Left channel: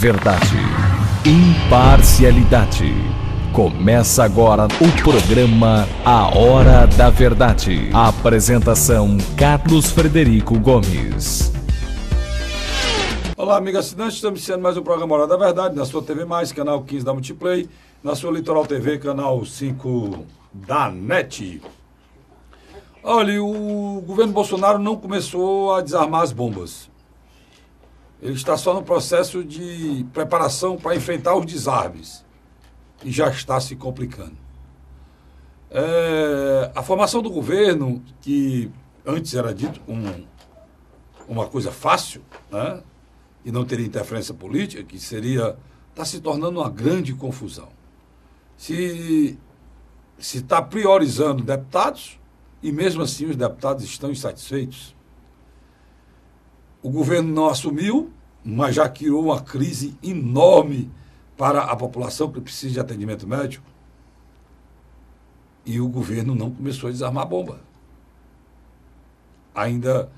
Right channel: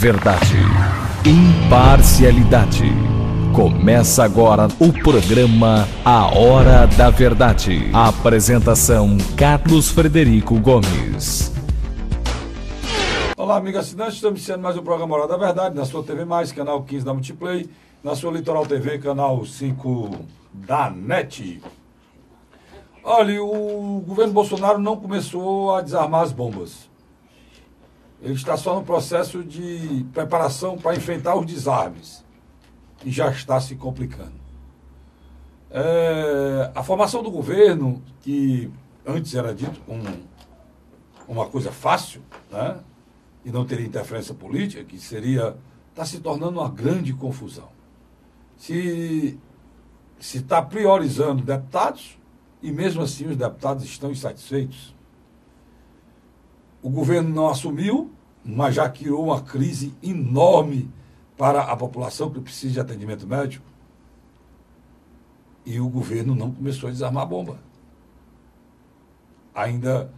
Verdade. Imparcialidade. Começa agora o programa A Hora da Verdade. A apresentação: Carlos Frederico Gomes. Olá, amigo assinante, estamos iniciando mais um programa A Hora da Verdade, na sua TV+, canal 15 da Multiplay, na sua Litoral TV, canal 5 da NET. Olha, o governo Bolsonaro não começou a desarmar as bombas. Ele está só no processo de preparação para enfrentar os desarmes. E já está se complicando. A formação do governo, que antes era dito uma coisa fácil, né? E não teria interferência política, que está se tornando uma grande confusão. Se está priorizando deputados, e mesmo assim os deputados estão insatisfeitos. O governo não assumiu, mas já criou uma crise enorme para a população que precisa de atendimento médico. E o governo não começou a desarmar a bomba. Ainda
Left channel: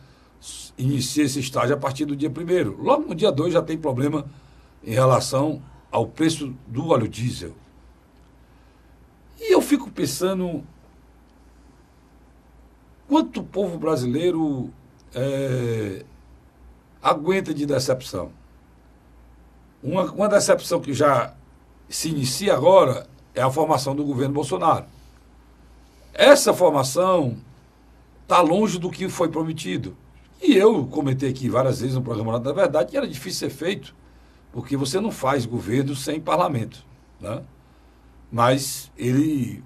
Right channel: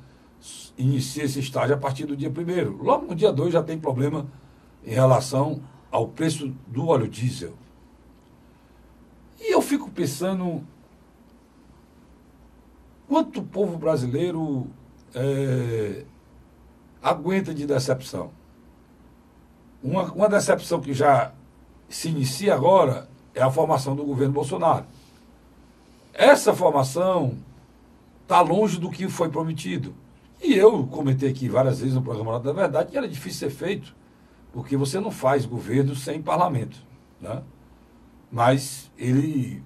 inicia esse estágio a partir do dia 1º. Logo no dia 2 já tem problema em relação ao preço do óleo diesel. E eu fico pensando quanto o povo brasileiro aguenta de decepção. Uma decepção que já se inicia agora é a formação do governo Bolsonaro. Essa formação está longe do que foi prometido. E eu comentei aqui várias vezes no programa da Verdade que era difícil ser feito, porque você não faz governo sem parlamento, né? Mas ele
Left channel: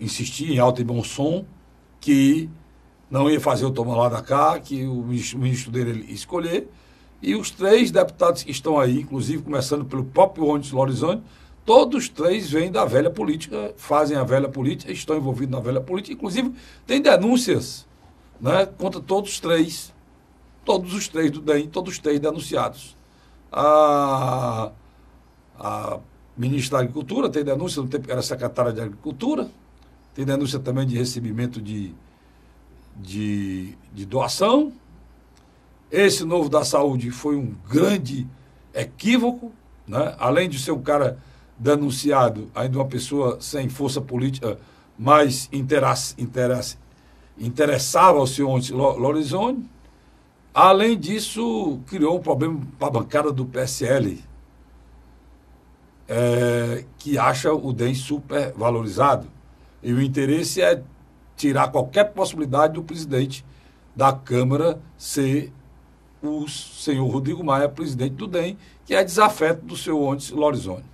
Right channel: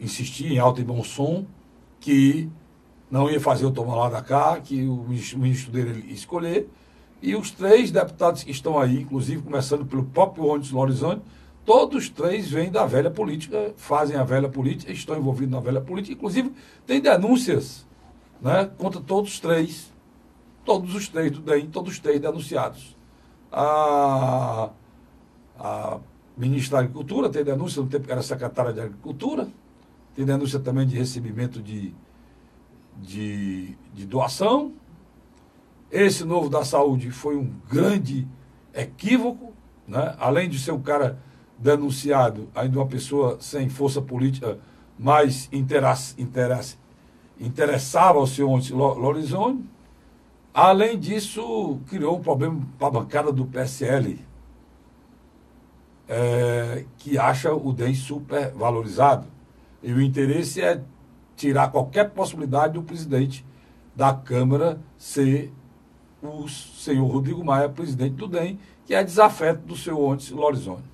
insistia em alto e bom som que não ia fazer o toma lá da cá, que o ministro dele ia escolher. E os 3 deputados que estão aí, inclusive começando pelo próprio Onyx Lorenzoni, todos 3 vêm da velha política, fazem a velha política, estão envolvidos na velha política. Inclusive, tem denúncias, né, contra todos os 3 do DEM, todos os 3 denunciados. A ministra da Agricultura tem denúncia, no tempo que era secretária de Agricultura, tem denúncia também de recebimento de doação. Esse novo da saúde foi um grande equívoco, né? Além de ser um cara denunciado, ainda uma pessoa sem força política, mas interessava ao senhor Onyx Lorenzoni. Além disso, criou um problema para a bancada do PSL, que acha o DEM supervalorizado. E o interesse é tirar qualquer possibilidade do presidente da Câmara ser o senhor Rodrigo Maia, presidente do DEM, que é desafeto do senhor Onyx Lorenzoni.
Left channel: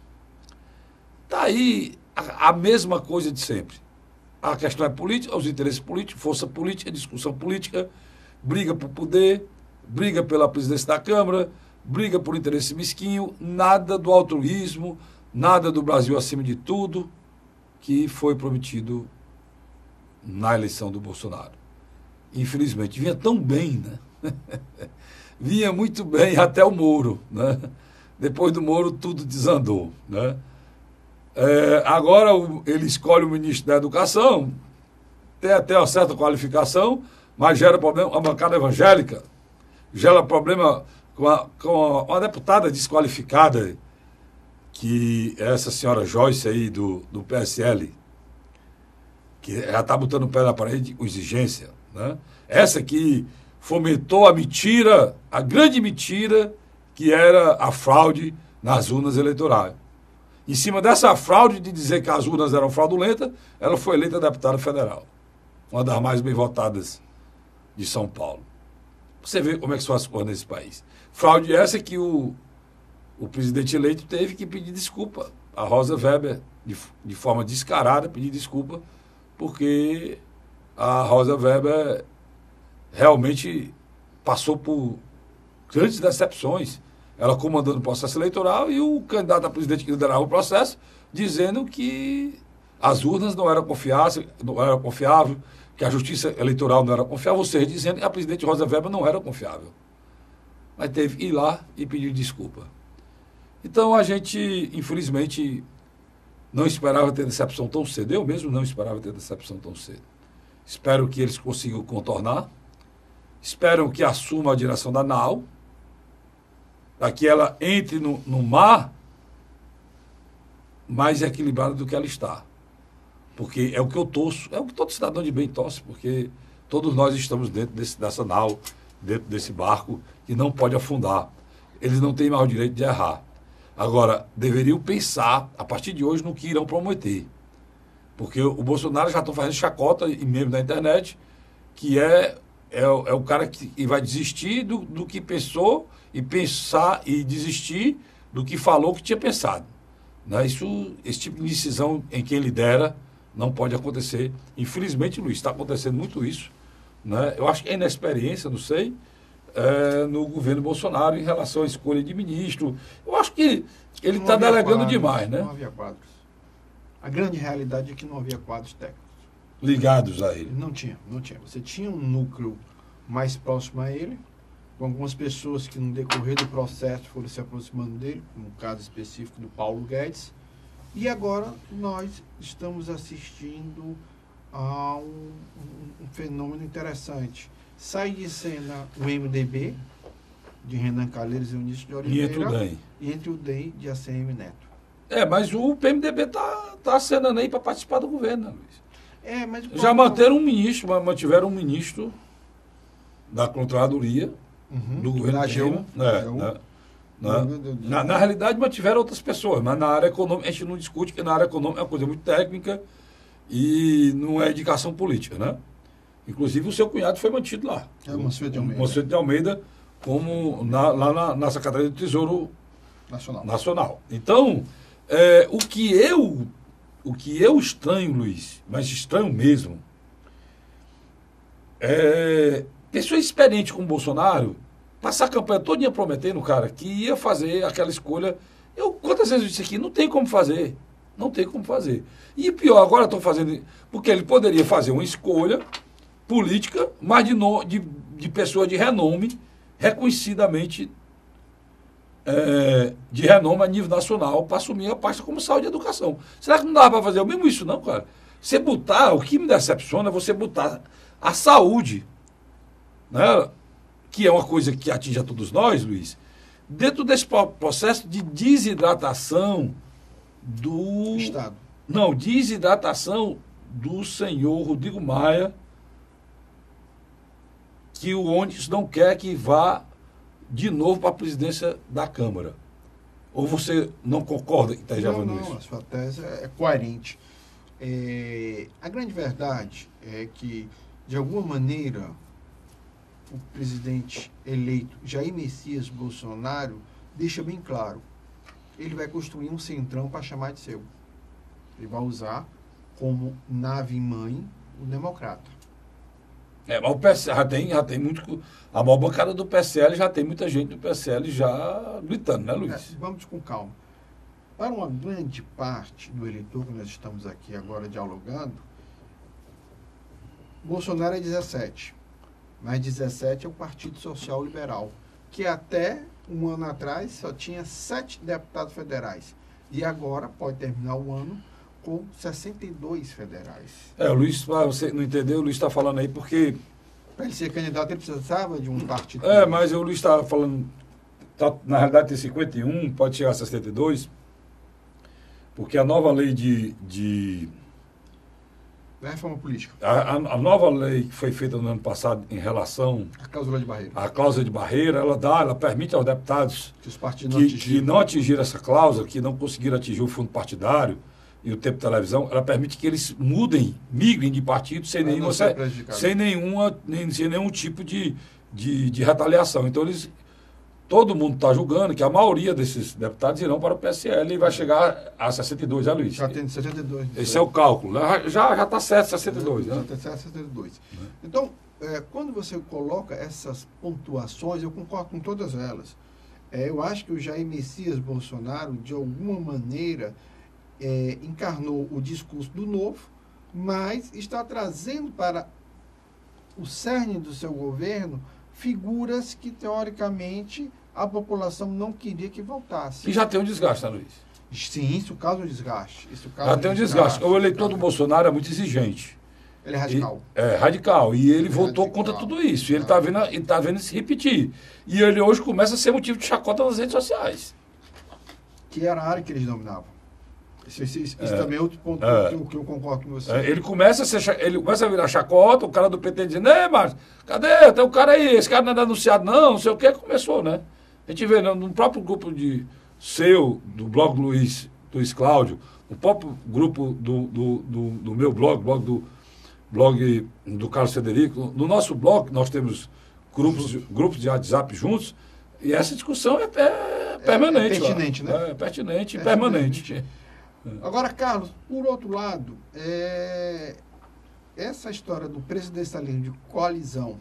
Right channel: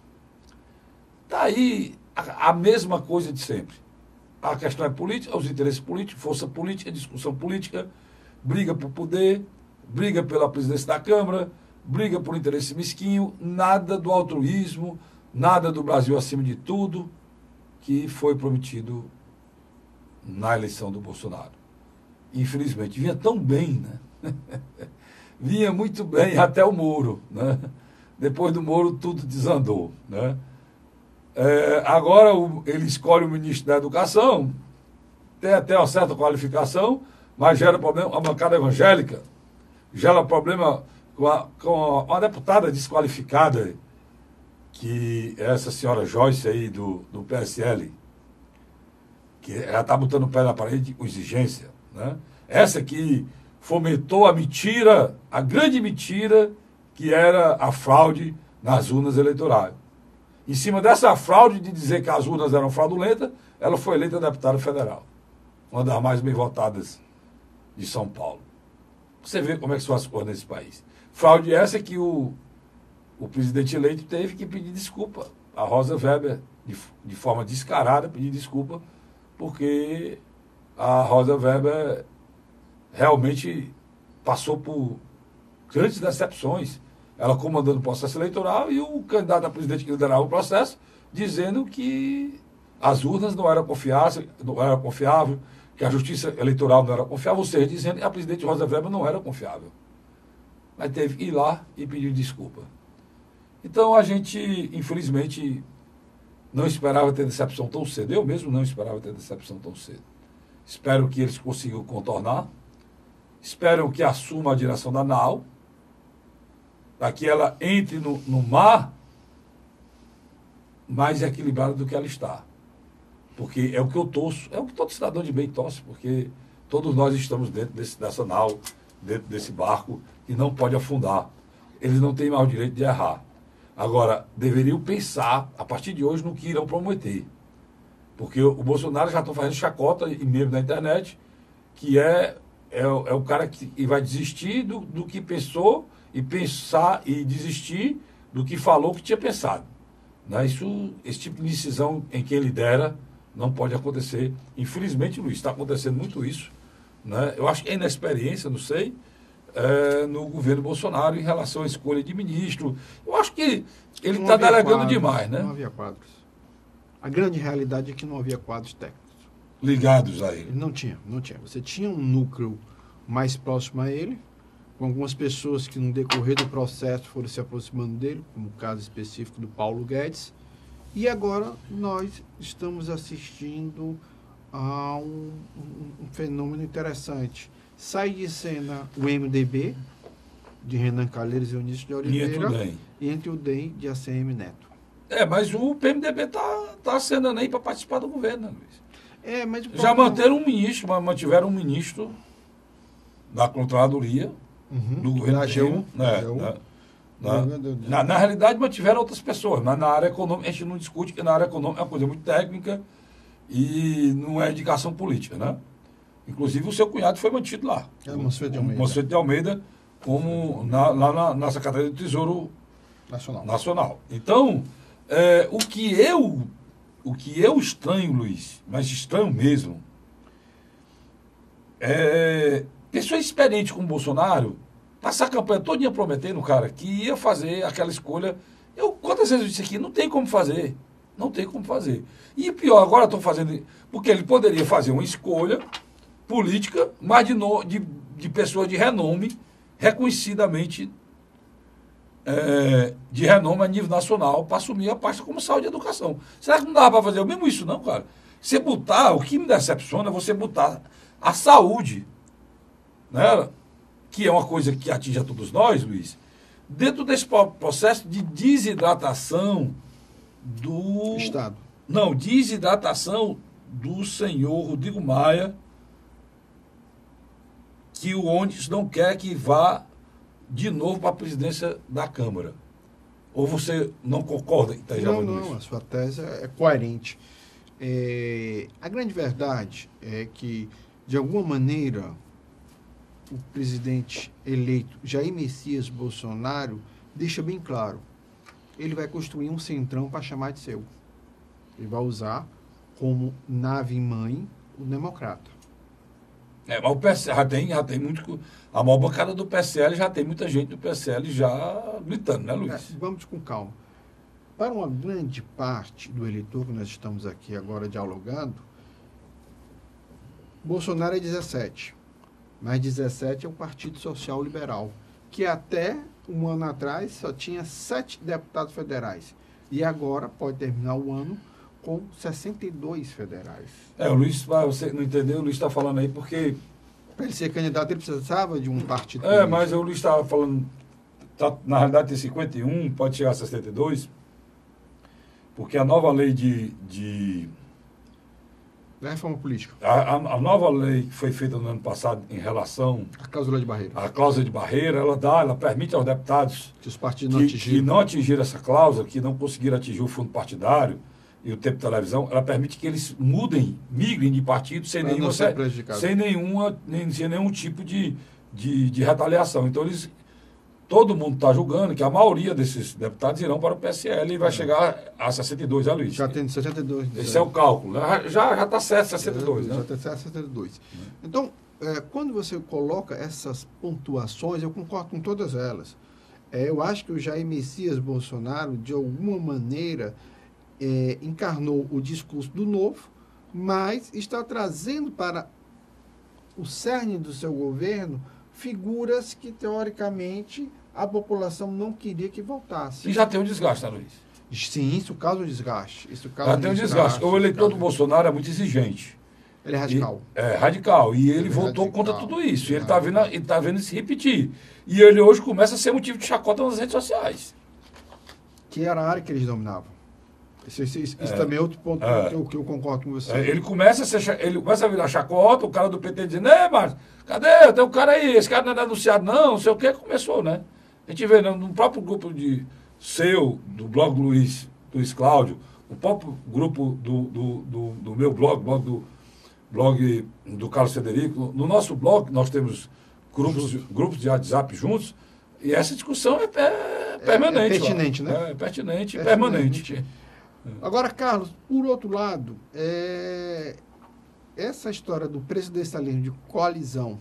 Está aí a mesma coisa de sempre. A questão é política, os interesses políticos, força política, discussão política, briga por poder, briga pela presidência da Câmara, briga por interesse mesquinho, nada do altruísmo, nada do Brasil acima de tudo, que foi prometido na eleição do Bolsonaro. Infelizmente, vinha tão bem, né? Vinha muito bem até o Moro, né? Depois do Moro, tudo desandou, né? Agora ele escolhe o ministro da Educação, tem até uma certa qualificação, mas gera problema, a bancada evangélica gera problema com uma deputada desqualificada, que é essa senhora Joyce aí do PSL, que já está botando o pé na parede com exigência, né? Essa que fomentou a mentira, a grande mentira, que era a fraude nas urnas eleitorais. Em cima dessa fraude de dizer que as urnas eram fraudulentas, ela foi eleita deputada federal, uma das mais bem votadas de São Paulo. Você vê como é que são as coisas nesse país. Fraude essa que o presidente eleito teve que pedir desculpa. A Rosa Weber, de forma descarada, pedir desculpa, porque a Rosa Weber realmente passou por grandes decepções. Ela comandando o processo eleitoral e o candidato a presidente que liderava o processo dizendo que as urnas não eram confiáveis, que a justiça eleitoral não era confiável, ou seja, dizendo que a presidente Rosa Weber não era confiável. Mas teve que ir lá e pedir desculpa. Então a gente, infelizmente, não esperava ter decepção tão cedo. Eu mesmo não esperava ter decepção tão cedo. Espero que eles consigam contornar. Espero que assuma a direção da para que ela entre no mar mais equilibrada do que ela está. Porque é o que eu torço, é o que todo cidadão de bem torce, porque todos nós estamos dentro dessa nau, dentro desse barco, que não pode afundar. Eles não têm mais o direito de errar. Agora, deveriam pensar, a partir de hoje, no que irão prometer. Porque o Bolsonaro já está fazendo chacota, e mesmo na internet, que é o cara que vai desistir do que pensou e pensar e desistir do que falou que tinha pensado. Né? Esse tipo de decisão em quem lidera não pode acontecer. Infelizmente, Luiz, está acontecendo muito isso. Né? Eu acho que é inexperiência, não sei, no governo Bolsonaro em relação à escolha de ministro. Eu acho que ele está delegando quadros, demais, né? Não havia quadros. A grande realidade é que não havia quadros técnicos. Ligados a ele. Não tinha. Você tinha um núcleo mais próximo a ele, com algumas pessoas que no decorrer do processo foram se aproximando dele, como o caso específico do Paulo Guedes, e agora nós estamos assistindo a um fenômeno interessante. Sai de cena o MDB, de Renan Calheiros e Eunício de Oliveira, e entre o DEM de ACM Neto. Mas o PMDB está acenando aí para participar do governo, né, Luiz? Mas já mantiveram um ministro da Controladoria do governo da AGU. Na realidade, mantiveram outras pessoas, mas na área econômica, a gente não discute, porque na área econômica é uma coisa muito técnica e não é indicação política, né? Inclusive, o seu cunhado foi mantido lá. O Monsenhor de Almeida, como lá na Secretaria do Tesouro Nacional. Então, o que eu estranho, Luiz, mas estranho mesmo, pessoa experiente como o Bolsonaro, passar a campanha todinha prometendo, cara, que ia fazer aquela escolha. Quantas vezes eu disse aqui, não tem como fazer. Não tem como fazer. E pior, agora estão fazendo, porque ele poderia fazer uma escolha política, mas de pessoa de renome, reconhecidamente de renome a nível nacional, para assumir a pasta como saúde e educação. Será que não dava para fazer o mesmo isso, não, cara? Você botar, o que me decepciona é você botar a saúde, né, que é uma coisa que atinge a todos nós, Luiz, dentro desse processo de desidratação do Estado. Não, desidratação do senhor Rodrigo Maia, que o Onix não quer que vá de novo para a presidência da Câmara. Ou você não concorda? Não, a sua tese é coerente. A grande verdade é que, de alguma maneira, o presidente eleito Jair Messias Bolsonaro deixa bem claro, ele vai construir um centrão para chamar de seu. Ele vai usar como nave-mãe o democrata. Mas o PSL já tem muito. A maior bancada do PSL já tem muita gente do PSL já gritando, né, Luiz? Vamos com calma. Para uma grande parte do eleitor que nós estamos aqui agora dialogando, Bolsonaro é 17. Mas 17 é o Partido Social Liberal, que até um ano atrás só tinha 7 deputados federais. E agora pode terminar o ano com 62 federais. O Luiz, você não entendeu, o Luiz está falando aí porque... Para ele ser candidato, ele precisava de um partido. Mas o Luiz está falando, na realidade tem 51, pode chegar a 62, porque a nova lei da reforma política. A nova lei que foi feita no ano passado em relação... A cláusula de barreira. A cláusula de barreira, ela permite aos deputados que os partidos que não atingiram essa cláusula, que não conseguiram atingir o fundo partidário e o tempo de televisão, ela permite que eles migrem de partido sem nenhum tipo de retaliação. Então, todo mundo está julgando que a maioria desses deputados irão para o PSL e vai chegar a 62, Luiz? Já tem 62. Esse é o cálculo. Já está certo, 62. Já está certo, 62. Então, quando você coloca essas pontuações, eu concordo com todas elas. Eu acho que o Jair Messias Bolsonaro, de alguma maneira, encarnou o discurso do novo, mas está trazendo para o cerne do seu governo figuras que, teoricamente, a população não queria que voltasse. E já tem um desgaste, Luiz? Sim, isso causa um desgaste. Já tem um desgaste. O eleitor do Bolsonaro é muito exigente. Ele é radical. É radical. E ele votou contra tudo isso. E ele está vendo se repetir. E ele hoje começa a ser motivo de chacota nas redes sociais. Que era a área que eles dominavam. Isso também é outro ponto que eu concordo com você. Ele começa a virar chacota, o cara do PT dizendo, mas cadê? Tem um cara aí, esse cara não é denunciado não sei o que, começou, né? A gente vê no próprio grupo do blog do Luiz Cláudio, o próprio grupo do meu blog do Carlos Frederico, no nosso blog nós temos grupos de WhatsApp juntos, e essa discussão é permanente. É pertinente, né? É pertinente e permanente. Agora, Carlos, por outro lado, essa história do presidencialismo de coalizão,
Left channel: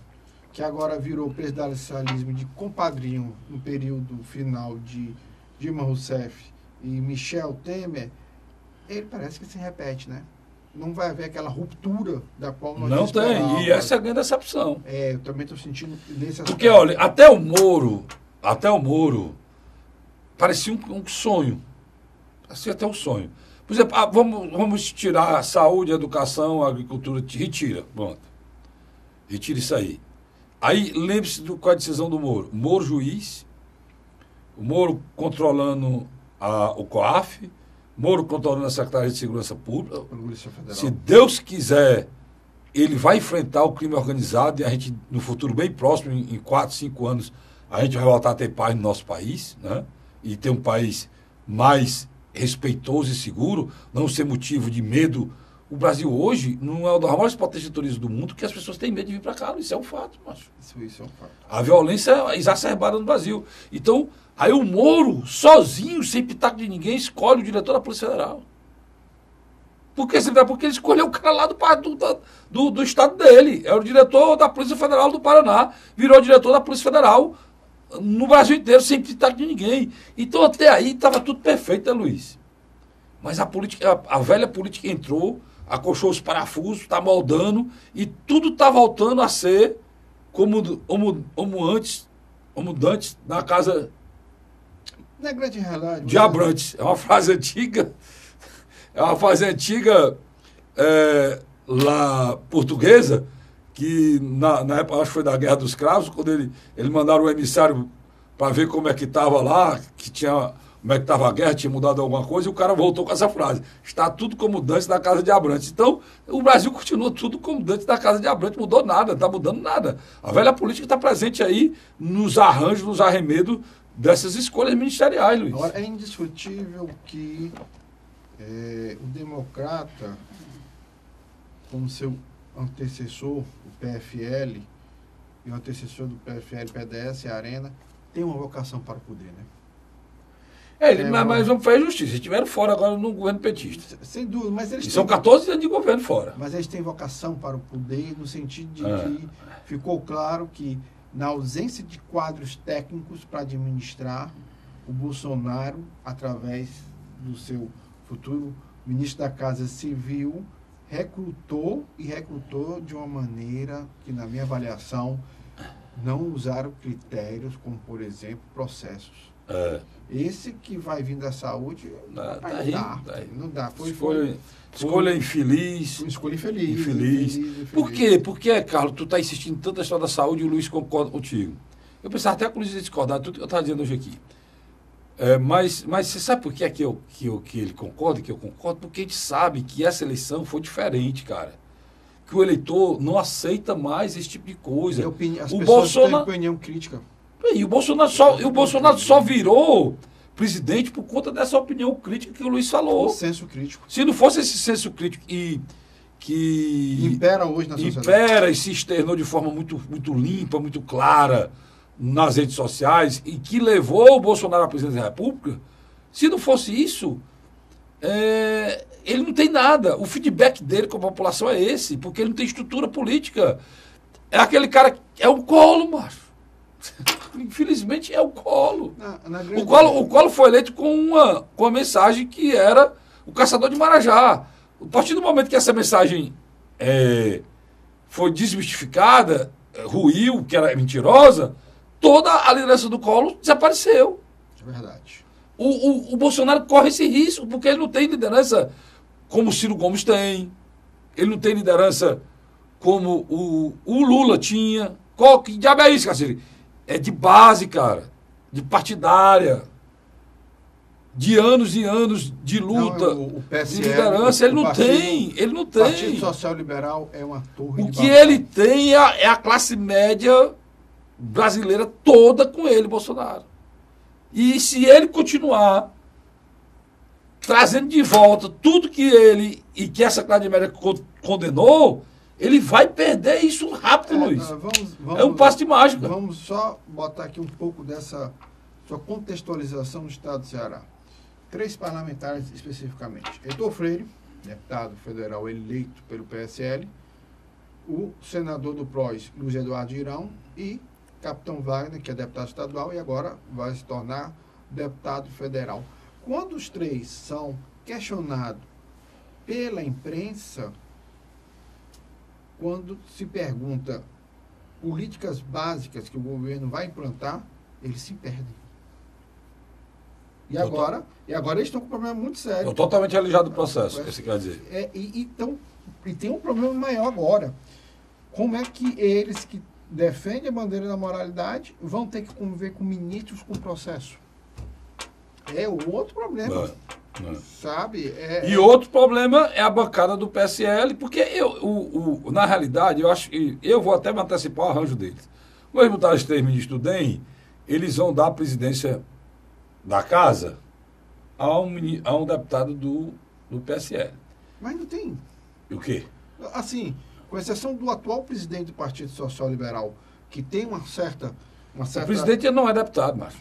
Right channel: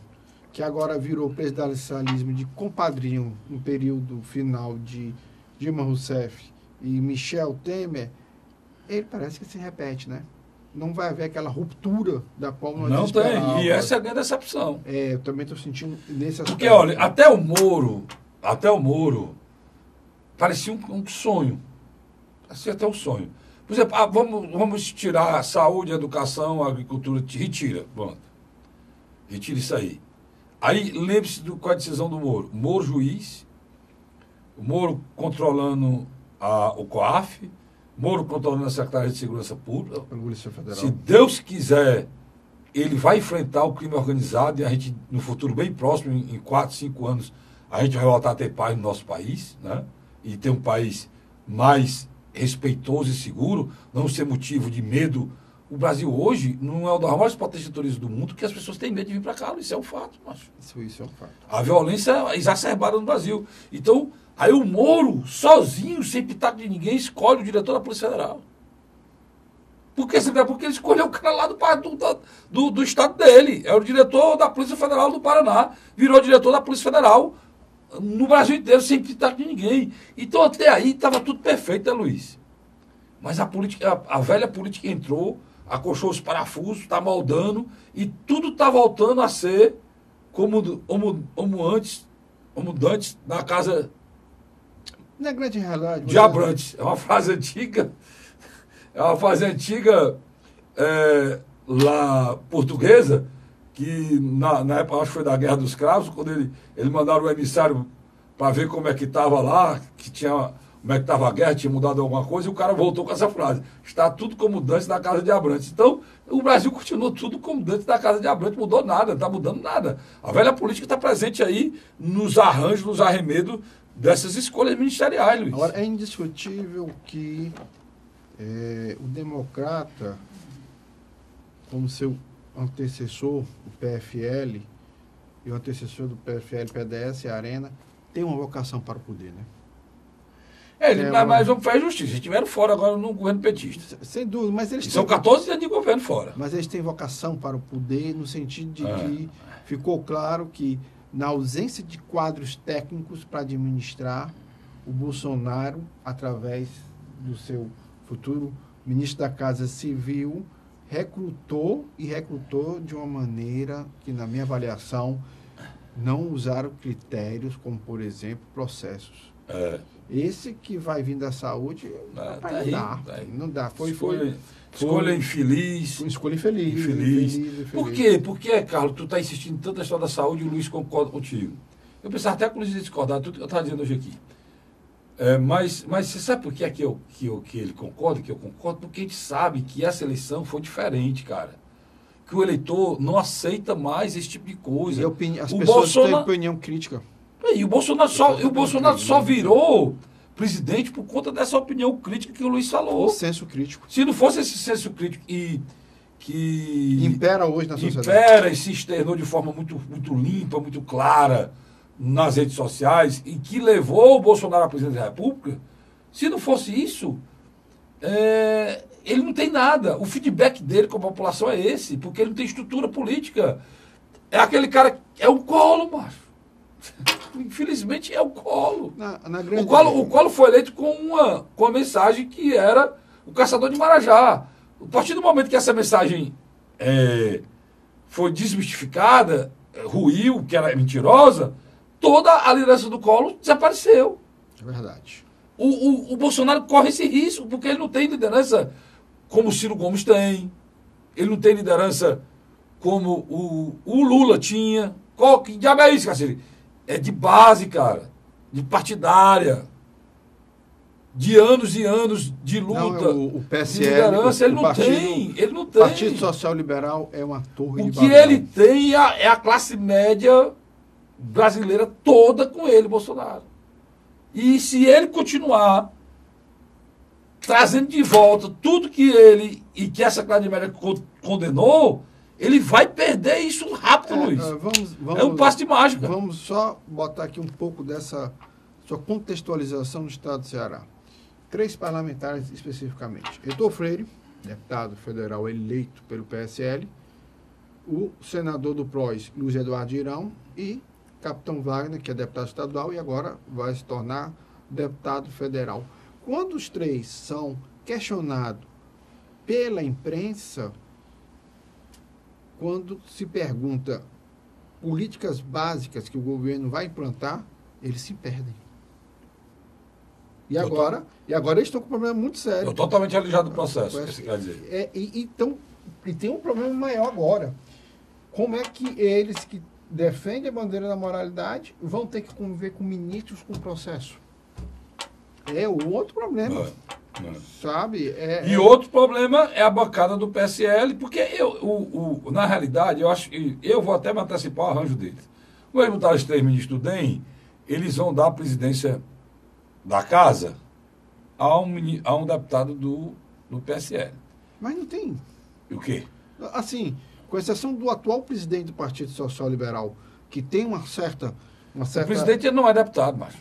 que agora virou presidencialismo de compadrinho no período final de Dilma Rousseff e Michel Temer, ele parece que se repete, né? Não vai haver aquela ruptura da qual nós não esperávamos. tem, e essa é a grande decepção. Eu também estou sentindo nesse aspecto. Porque, olha, até o Moro parecia um sonho. Parecia até um sonho. Por exemplo, vamos tirar a saúde, a educação, a agricultura, retira, pronto. Retira isso aí. Aí, lembre-se qual é a decisão do Moro. Moro juiz, o Moro controlando o COAF, Moro controlando a Secretaria de Segurança Pública. Se Deus quiser, ele vai enfrentar o crime organizado e a gente, no futuro bem próximo, em 4, 5 anos, a gente vai voltar a ter paz no nosso país, né? E ter um país mais respeitoso e seguro, não ser motivo de medo. O Brasil hoje não é uma das maiores potências de turismo do mundo, porque as pessoas têm medo de vir para cá. Isso é um fato, macho. Isso é um fato. A violência é exacerbada no Brasil. Então, aí o Moro, sozinho, sem pitaco de ninguém, escolhe o diretor da Polícia Federal. Porque ele escolheu o cara lá do estado dele. É o diretor da Polícia Federal do Paraná. Virou diretor da Polícia Federal no Brasil inteiro, sem pitaco de ninguém. Então, até aí, estava tudo perfeito, né, Luiz? Mas a velha política entrou, acochou os parafusos, está moldando, e tudo está voltando a ser como antes na casa na grande realidade de Abrantes. É uma frase antiga, lá portuguesa, que na época, acho que foi da Guerra dos Cravos, quando ele mandaram o emissário para ver como é que estava lá, como é que estava a guerra, tinha mudado alguma coisa, e o cara voltou com essa frase: está tudo como dantes na casa de Abrantes. Então, o Brasil continua tudo como dantes na casa de Abrantes, mudou nada, não está mudando nada. A velha política está presente aí nos arranjos, nos arremedos dessas escolhas ministeriais, Luiz. Agora, é indiscutível que o democrata, como seu antecessor, o PFL, e o antecessor do PFL, PDS, a Arena, tem uma vocação para o poder, né? Mas vamos fazer justiça. Eles estiveram fora agora no governo petista. Sem dúvida, mas eles são 14 anos de governo fora. Mas eles têm vocação para o poder no sentido de que ficou claro que, na ausência de quadros técnicos para administrar, o Bolsonaro, através do seu futuro ministro da Casa Civil, recrutou de uma maneira que, na minha avaliação, não usaram critérios como, por exemplo, processos. Esse que vai vir da saúde não dá. Escolha infeliz. Escolha infeliz. Por quê? Porque, Carlos, tu está insistindo tanto na história da saúde e o Luiz concorda contigo. Eu pensava até que o Luiz ia discordar tudo que eu estava dizendo hoje aqui. Mas você sabe por que é que ele concorda, que eu concordo? Porque a gente sabe que essa eleição foi diferente, cara. Que o eleitor não aceita mais esse tipo de coisa. As pessoas têm opinião crítica. E o Bolsonaro só virou presidente por conta dessa opinião crítica que o Luiz falou. Senso crítico. Se não fosse esse senso crítico que impera hoje na sociedade. Impera e se externou de forma muito, muito limpa, muito clara nas redes sociais e que levou o Bolsonaro à presidência da República, se não fosse isso, ele não tem nada. O feedback dele com a população é esse, porque ele não tem estrutura política. É aquele cara, é o Colo, macho. Infelizmente é o Colo. O Colo foi eleito com uma mensagem que era o caçador de Marajá. A partir do momento que essa mensagem foi desmistificada, ruiu, que era mentirosa, toda a liderança do Colo desapareceu. É verdade. O Bolsonaro corre esse risco, porque ele não tem liderança como o Ciro Gomes tem. Ele não tem liderança como o Lula tinha. Que diabo é isso, Cacete? É de base, cara. De partidária. De anos e anos de luta, o PSL, de liderança. Ele não tem. Ele não tem. O Partido Social Liberal é uma torre O de que Babel. ele tem é a classe média brasileira toda com ele, Bolsonaro. E se ele continuar trazendo de volta tudo que ele e que essa classe média condenou, ele vai perder isso rápido, Luiz. É um passo de mágica. Vamos só botar aqui um pouco dessa sua contextualização no estado do Ceará. 3 parlamentares especificamente. Heitor Freire, deputado federal eleito pelo PSL, o senador do PROS, Luiz Eduardo Girão, e Capitão Wagner, que é deputado estadual e agora vai se tornar deputado federal. Quando os 3 são questionados pela imprensa, quando se pergunta políticas básicas que o governo vai implantar, eles se perdem. E agora eles estão com um problema muito sério. Estou totalmente alijado do processo, que você quer dizer. E tem um problema maior agora. Como é que eles que defendem a bandeira da moralidade vão ter que conviver com ministros com processo? É o outro problema. Sabe? E outro problema é a bancada do PSL, porque na realidade, eu vou até me antecipar o arranjo deles. Vamos botar os 3 ministros do DEM, eles vão dar a presidência da casa a um deputado do PSL. Mas não tem. O quê? Assim, com exceção do atual presidente do Partido Social Liberal, que tem uma certa... O presidente não é deputado, mas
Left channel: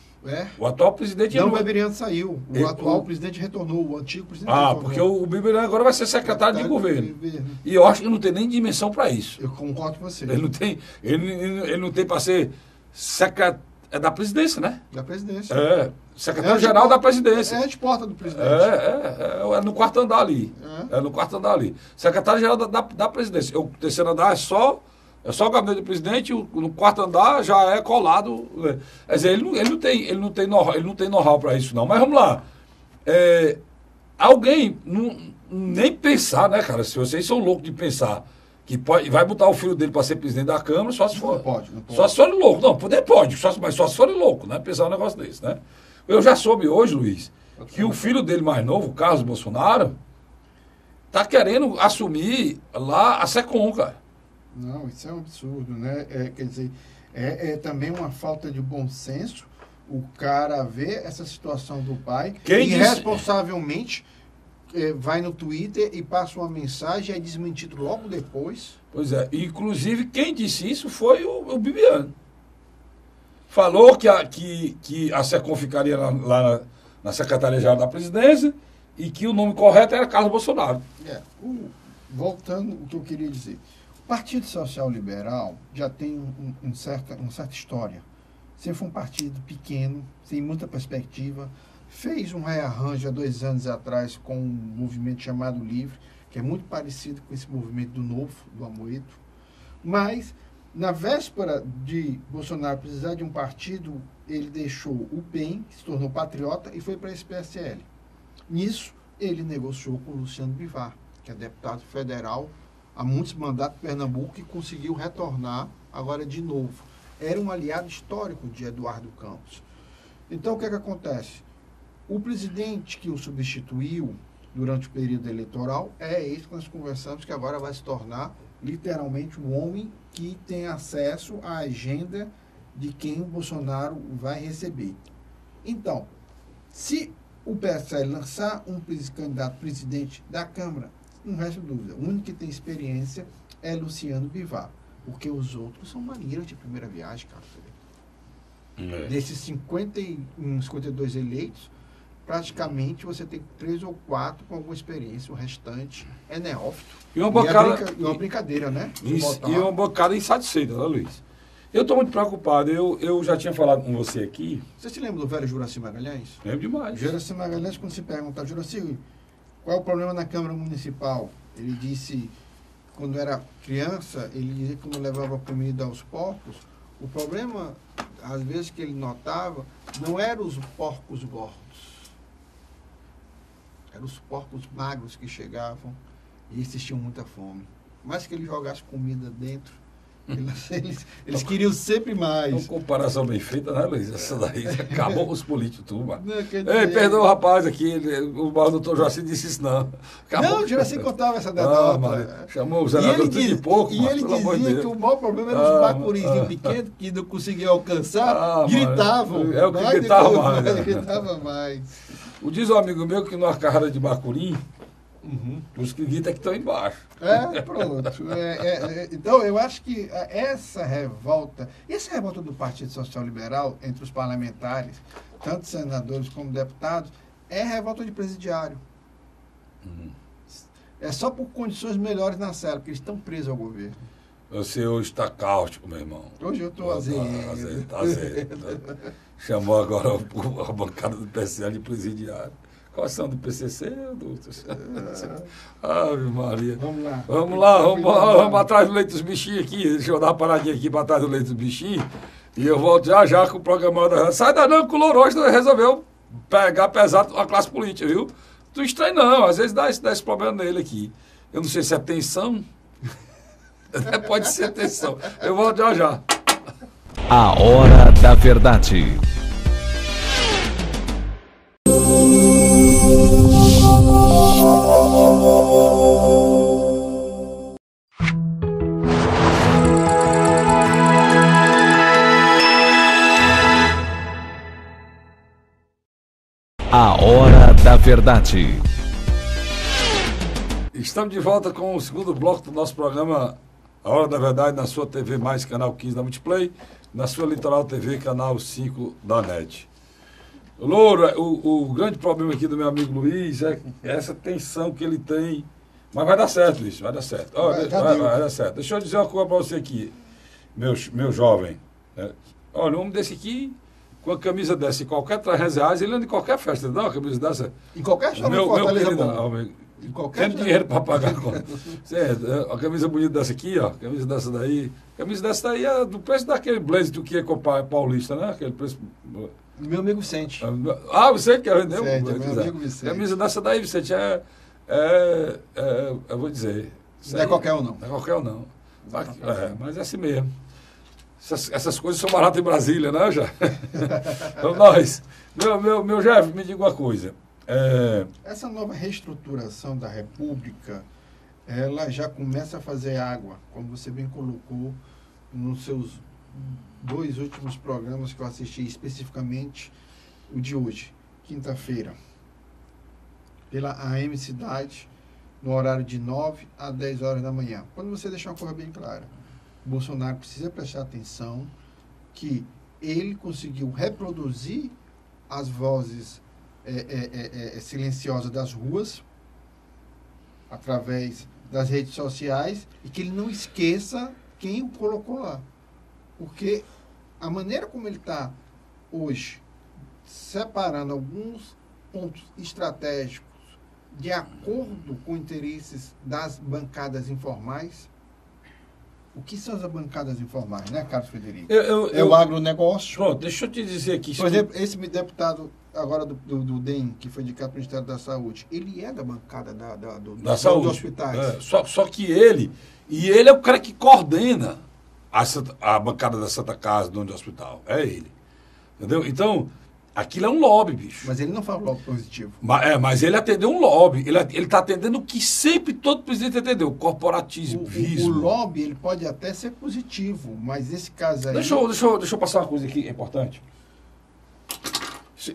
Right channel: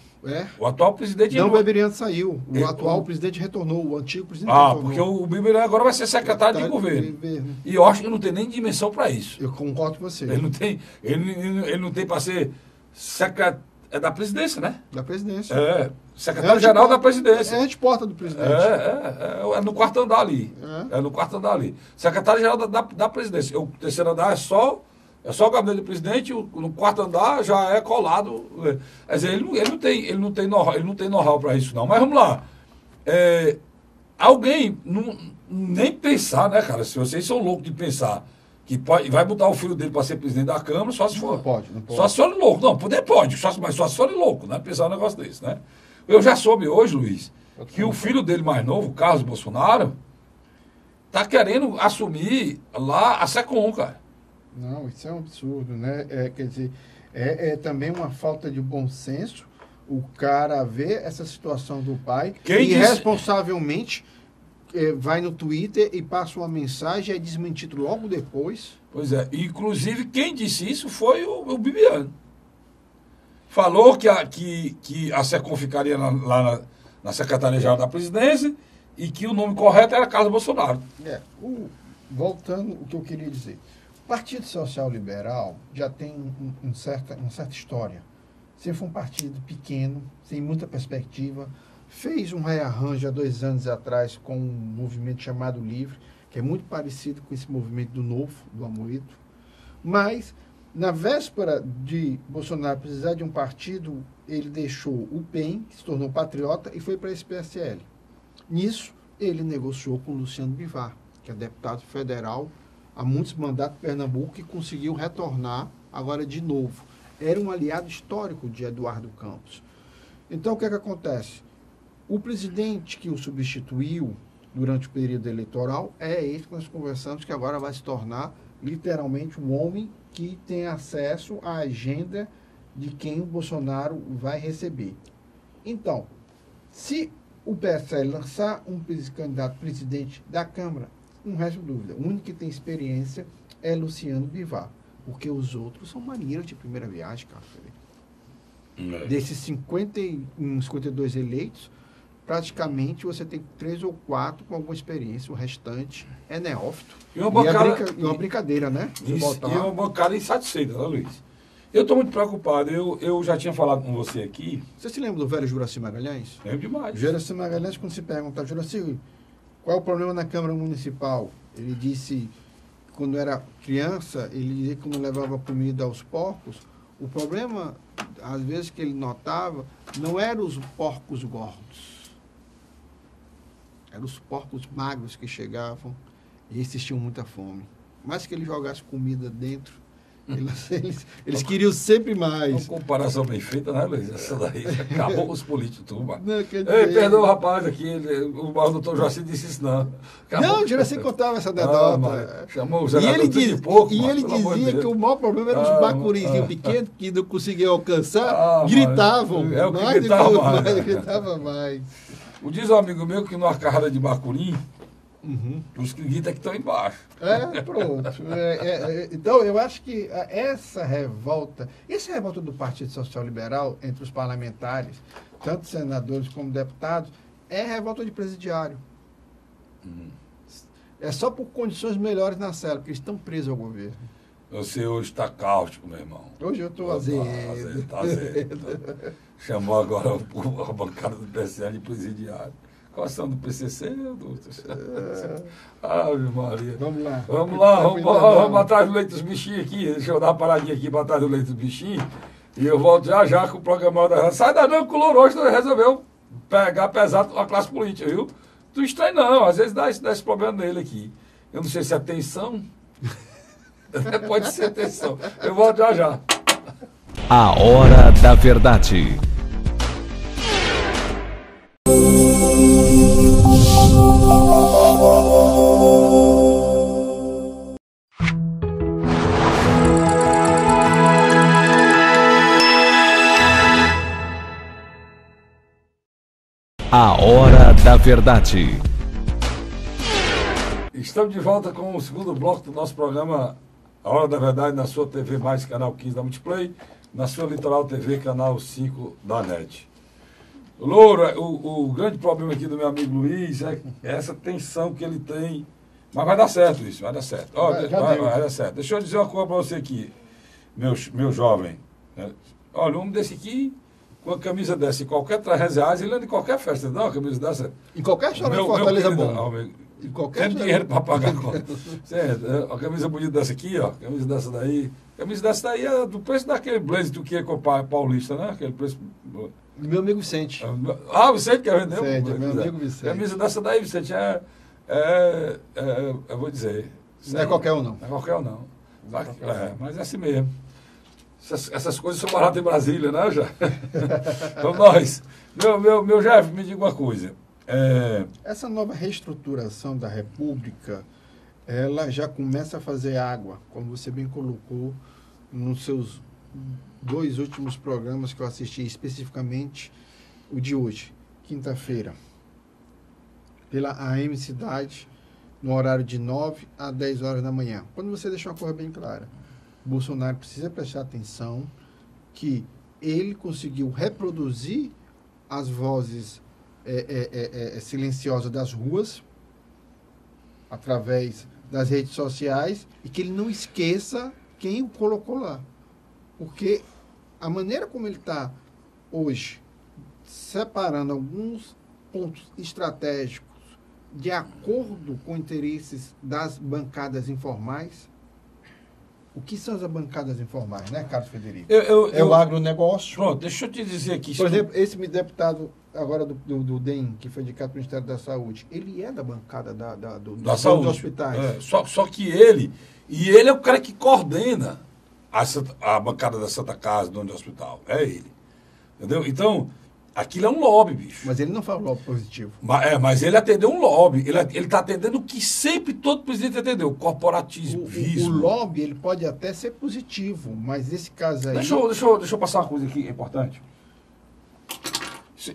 o atual presidente... Não, o Beberiano saiu. O atual presidente retornou, o antigo presidente retornou. Porque o Beberiano agora vai ser secretário de governo. E eu acho que não tem nem dimensão para isso. Eu concordo com você. Ele não tem para ser secretário... É da presidência, né? Da presidência. Secretário-geral da presidência. É de porta do presidente. É no quarto andar ali. É no quarto andar ali. Secretário-geral da presidência. O terceiro andar é só o gabinete do presidente, no quarto andar já é colado. Quer dizer, ele não tem know-how para isso, não. Mas vamos lá. Alguém nem pensar, né, cara? Se vocês são loucos de pensar que vai botar o filho dele para ser presidente da Câmara, só se for. Não pode. Só se for louco. Não, poder pode, mas só se for louco, né? Pensar um negócio desse, né? Eu já soube hoje, Luiz, que o filho dele mais novo, Carlos Bolsonaro, tá querendo assumir lá a SECOM, cara. Não, isso é um absurdo, né? Quer dizer, é também uma falta de bom senso o cara ver essa situação do pai e irresponsavelmente vai no Twitter e passa uma mensagem e é desmentido logo depois. Pois é. Inclusive, quem disse isso foi o Bibiano. Falou que a SECOM ficaria lá na Secretaria-Geral da Presidência e que o nome correto era Carlos Bolsonaro. Voltando ao que eu queria dizer. O Partido Social Liberal já tem uma certa história. Sempre foi um partido pequeno, sem muita perspectiva. Fez um rearranjo há 2 anos atrás com um movimento chamado Livre, que é muito parecido com esse movimento do Novo, do Amoedo. Mas, na véspera de Bolsonaro precisar de um partido, ele deixou o PEN, que se tornou patriota, e foi para esse PSL. Nisso, ele negociou com o Luciano Bivar, que é deputado federal há muitos mandatos em Pernambuco e conseguiu retornar agora de novo. Era um aliado histórico de Eduardo Campos. Então, o que acontece? O presidente que o substituiu durante o período eleitoral é esse que nós conversamos, que agora vai se tornar literalmente um homem que tem acesso à agenda de quem o Bolsonaro vai receber. Então, se o PSL lançar um candidato presidente da Câmara, não resta dúvida, o único que tem experiência é Luciano Bivar, porque os outros são marinheiros de primeira viagem, cara. Desses 52 eleitos, praticamente você tem 3 ou 4 com alguma experiência, o restante é neófito. E uma brincadeira, né? E uma bancada insatisfeita, né, Luiz? Eu estou muito preocupado. Eu já tinha falado com você aqui. Você se lembra do velho Juraci Magalhães? Lembro demais. Juraci Magalhães, quando se pergunta, Juraci, qual é o problema na Câmara Municipal? Ele disse, quando era criança, ele dizia que não levava comida aos porcos. O problema, às vezes, que ele notava, não eram os porcos gordos. Eram os porcos magros que chegavam e esses tinham muita fome. mais que ele jogasse comida dentro, eles queriam sempre mais. Uma comparação bem feita, né, Luiz? Essa daí acabou com os políticos, turma. Dizer... Ei, perdoa o rapaz aqui, o doutor Joaci disse isso, não. Acabou. Não, o Joaci contava essa derrota. Chamou o senador tudo de pouco. E ele dizia que o maior problema era os bacurizinhos pequenos, que não conseguiam alcançar, gritavam. É o que gritava mais. Gritava mais. Diz um amigo meu que numa carrada de bacurim, os que gritam é que estão embaixo. Pronto. Então, eu acho que essa revolta do Partido Social Liberal entre os parlamentares, tanto senadores como deputados, é revolta de presidiário. É só por condições melhores na cela, porque eles estão presos ao governo. Você hoje está cáustico, meu irmão. Hoje eu estou azedo. Tá azedo. Chamou agora a bancada do PCL de presidiário. Qual são do PCC? Ave Maria. Vamos lá. Vamos atrás do leite dos bichinhos aqui. Deixa eu dar uma paradinha aqui para trás do leite dos bichinhos. E eu volto já com o programa da... Sai da não, que o Lourosto resolveu pegar pesado a classe política, viu? Tu estranho não, às vezes dá esse problema nele aqui. Eu não sei se é tensão. Pode ser tensão. Eu volto já. A Hora da Verdade. A Hora da Verdade. Estamos de volta com o segundo bloco do nosso programa A Hora da Verdade, na sua TV Mais, canal 15 da Multiplay, na sua Litoral TV, canal 5 da NET. Loura, o grande problema aqui do meu amigo Luiz é essa tensão que ele tem. Mas vai dar certo isso, vai dar certo. Vai dar certo. Deixa eu dizer uma coisa para você aqui, meu jovem. Olha, um homem desse aqui, com a camisa dessa, em qualquer R$300, ele anda em qualquer festa. Não, a camisa dessa. Em qualquer show de Fortaleza bom. Em qualquer dinheiro para pagar. A camisa bonita dessa aqui, ó. Camisa dessa daí. Camisa dessa daí é do preço daquele blazer do que é comprar paulista, né? Aquele preço. Meu amigo Vicente. Vicente quer vender? Meu amigo Vicente. Camisa dessa daí, Vicente, eu vou dizer. Não é qualquer um, não. Não é qualquer um, não. Mas é assim mesmo. Essas coisas são baratas em Brasília, né, já? Então, nós. Meu Jeff, me diga uma coisa. Essa nova reestruturação da República, ela já começa a fazer água, como você bem colocou nos seus 2 últimos programas que eu assisti, especificamente o de hoje, quinta-feira, pela AM Cidade, no horário de 9 a 10 horas da manhã. Quando você deixar uma coisa bem clara, Bolsonaro precisa prestar atenção que ele conseguiu reproduzir as vozes silenciosas das ruas através das redes sociais e que ele não esqueça quem o colocou lá. Porque a maneira como ele está hoje, separando alguns pontos estratégicos de acordo com interesses das bancadas informais. O que são as bancadas informais, né, Carlos Frederico? É o agronegócio. Pronto, deixa eu te dizer aqui. Por exemplo, esse deputado agora do DEM, que foi indicado para o Ministério da Saúde, ele é da bancada da saúde, dos hospitais. Só que ele é o cara que coordena a bancada da Santa Casa, do hospital. É ele. Entendeu? Então, aquilo é um lobby, bicho. Mas ele não fala lobby positivo. Mas ele atendeu um lobby. Ele está atendendo o que sempre todo presidente atendeu, corporativismo. O lobby, ele pode até ser positivo, mas esse caso aí... Deixa eu passar uma coisa aqui importante.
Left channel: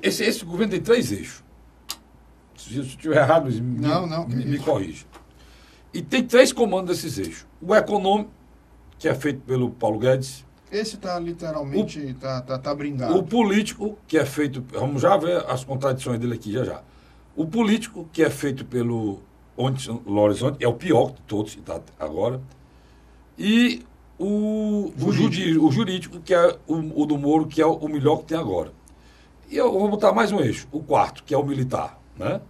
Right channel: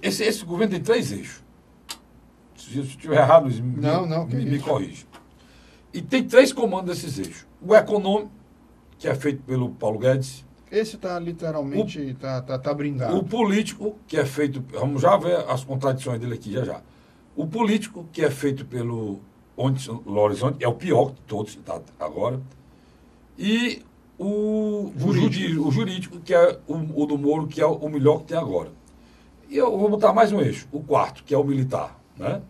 Esse governo tem 3 eixos. Se eu estiver errado, me corrija. E tem 3 comandos desses eixos. O econômico, que é feito pelo Paulo Guedes. Esse está literalmente, tá brindado. O político, que é feito... Vamos já ver as contradições dele aqui, já. O político, que é feito pelo Horizonte, é o pior de todos, que está agora. E o jurídico, que é o do Moro, que é o melhor que tem agora. E eu vou botar mais um eixo, o 4º, que é o militar, né?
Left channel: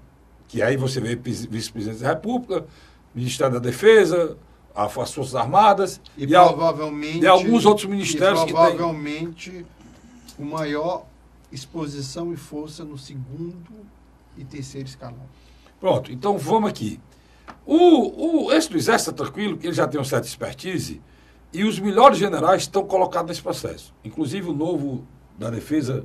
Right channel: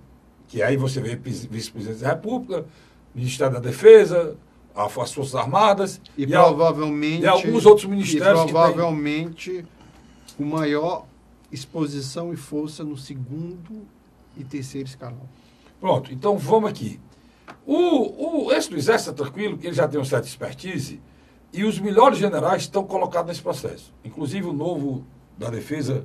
Que aí você vê vice-presidente da República, Ministério da Defesa, as Forças Armadas e provavelmente alguns outros ministérios que provavelmente com maior exposição e força no 2º e 3º escalão. Pronto, então vamos aqui. Esse do Exército é tranquilo, que ele já tem uma certa expertise, e os melhores generais estão colocados nesse processo. Inclusive o novo da Defesa,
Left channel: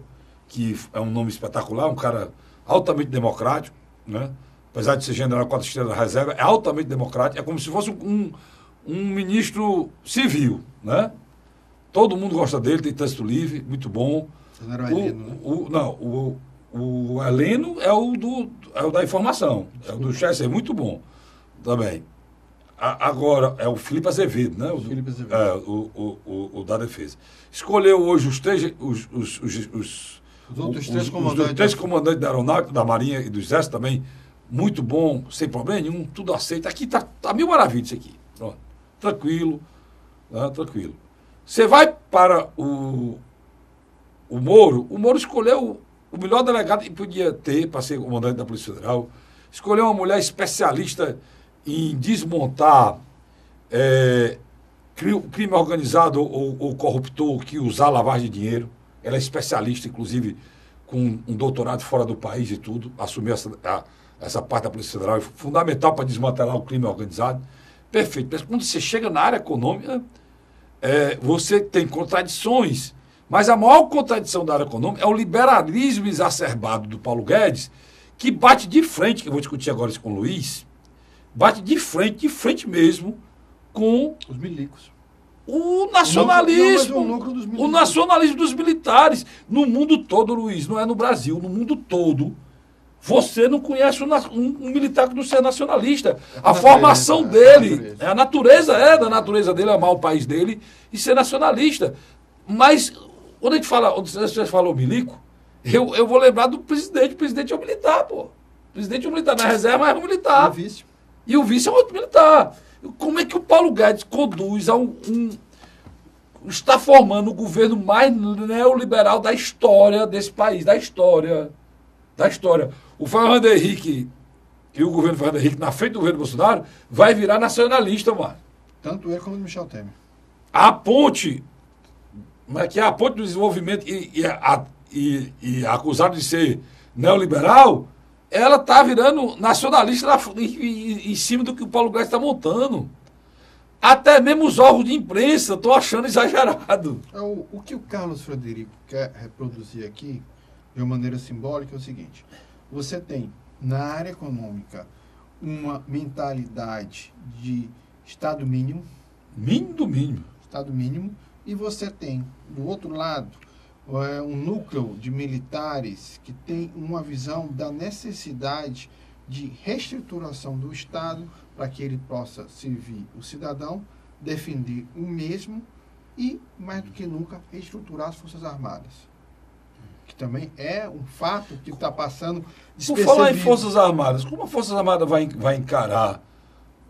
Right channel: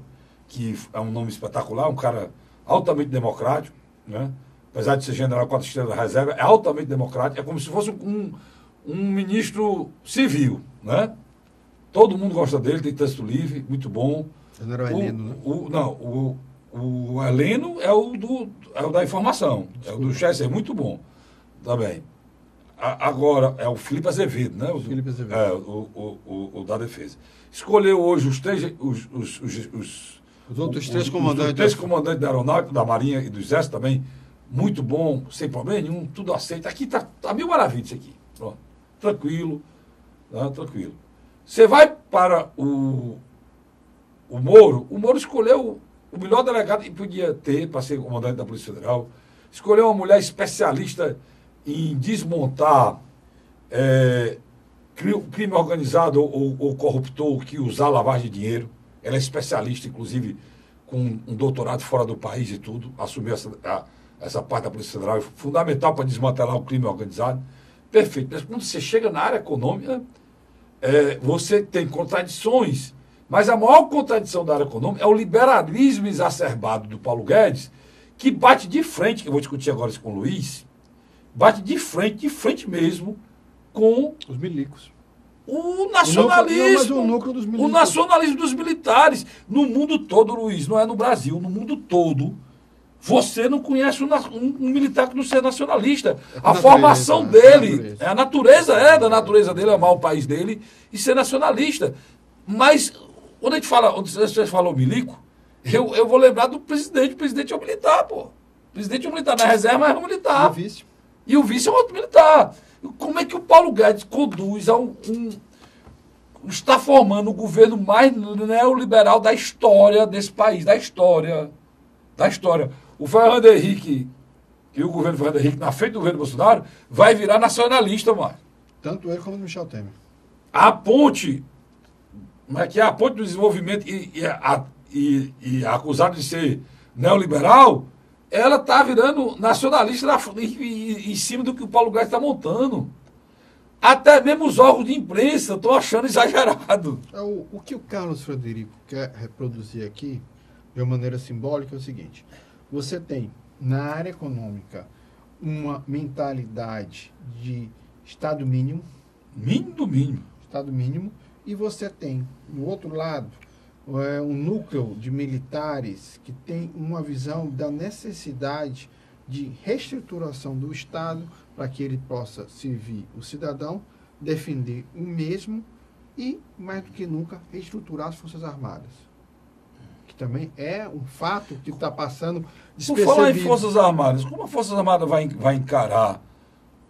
que é um nome espetacular, um cara altamente democrático, né? Apesar de ser general 4 estrelas da reserva, é altamente democrático, é como se fosse um ministro civil, né? Todo mundo gosta dele, tem texto livre, muito bom. General Heleno. Não, o Heleno é o da informação, é o do Chester, muito bom também. Agora, é o Felipe Azevedo, né? Felipe Azevedo. É, o da Defesa. Escolheu hoje os outros três comandantes da Aeronáutica, da Marinha e do Exército também, muito bom, sem problema nenhum, tudo aceito. Aqui tá mil maravilhas isso aqui. Pronto. Tranquilo, tá? Tranquilo. Você vai para o Moro escolheu o melhor delegado que podia ter para ser comandante da Polícia Federal, escolheu uma mulher especialista em desmontar crime organizado ou corruptor que usar lavagem de dinheiro. Ela é especialista, inclusive, com um doutorado fora do país e tudo, assumiu essa parte da Polícia Federal, é fundamental para desmantelar o crime organizado. Perfeito. Mas quando você chega na área econômica, você tem contradições, mas a maior contradição da área econômica é o liberalismo exacerbado do Paulo Guedes, que bate de frente, que eu vou discutir agora isso com o Luiz, bate de frente mesmo, com os milicos. O nacionalismo, o nacionalismo dos militares. No mundo todo, Luiz, não é no Brasil, no mundo todo, você não conhece um militar que não seja nacionalista. A formação dele, a natureza da natureza dele, amar o país dele e ser nacionalista. Mas, quando a gente fala, você falou milico, eu vou lembrar do presidente. O presidente é um militar, pô. O presidente é um militar, na reserva é um militar. E o vice é um outro militar. Como é que o Paulo Guedes conduz está formando o governo mais neoliberal da história desse país, da história. O Fernando Henrique e o governo Fernando Henrique, na frente do governo Bolsonaro, vai virar nacionalista, mano. Tanto ele como o Michel Temer. A ponte, que é a ponte do desenvolvimento e acusado de ser neoliberal, ela está virando nacionalista em cima do que o Paulo Guedes está montando. Até mesmo os órgãos de imprensa estão achando exagerado. O que o Carlos Frederico quer reproduzir aqui, de uma maneira simbólica, é o seguinte. Você tem, na área econômica, uma mentalidade de Estado mínimo. Mínimo do mínimo. Estado mínimo. E você tem, do outro lado, um núcleo de militares que tem uma visão da necessidade de reestruturação do Estado para que ele possa servir o cidadão, defender o mesmo e, mais do que nunca, reestruturar as Forças Armadas. Que também é um fato que está passando despercebido. Por falar em Forças Armadas, como a Forças Armadas vai encarar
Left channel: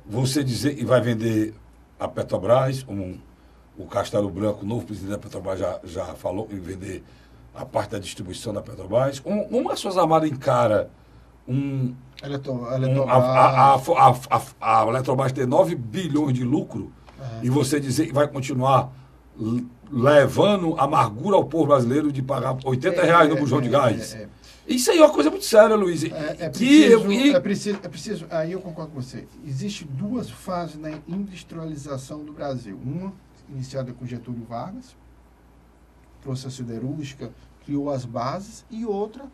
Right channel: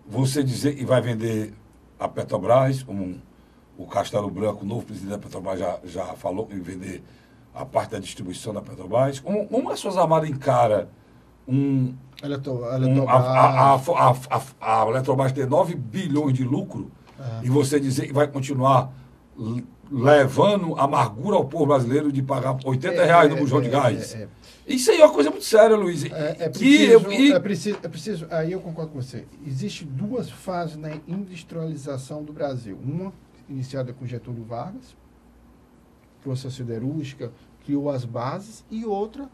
você dizer e vai vender a Petrobras, como o Castelo Branco, o novo presidente da Petrobras, já falou que vender a parte da distribuição da Petrobras? Como as Forças Armadas encara a Eletrobras ter 9 bilhões de lucro e você dizer que vai continuar levando amargura ao povo brasileiro de pagar R$80 no bujão de gás? Isso aí é uma coisa muito séria, Luiz. É preciso, aí eu concordo com você. Existem duas fases na industrialização do Brasil. Uma iniciada com Getúlio Vargas, trouxe a siderúrgica, criou as bases, e outra,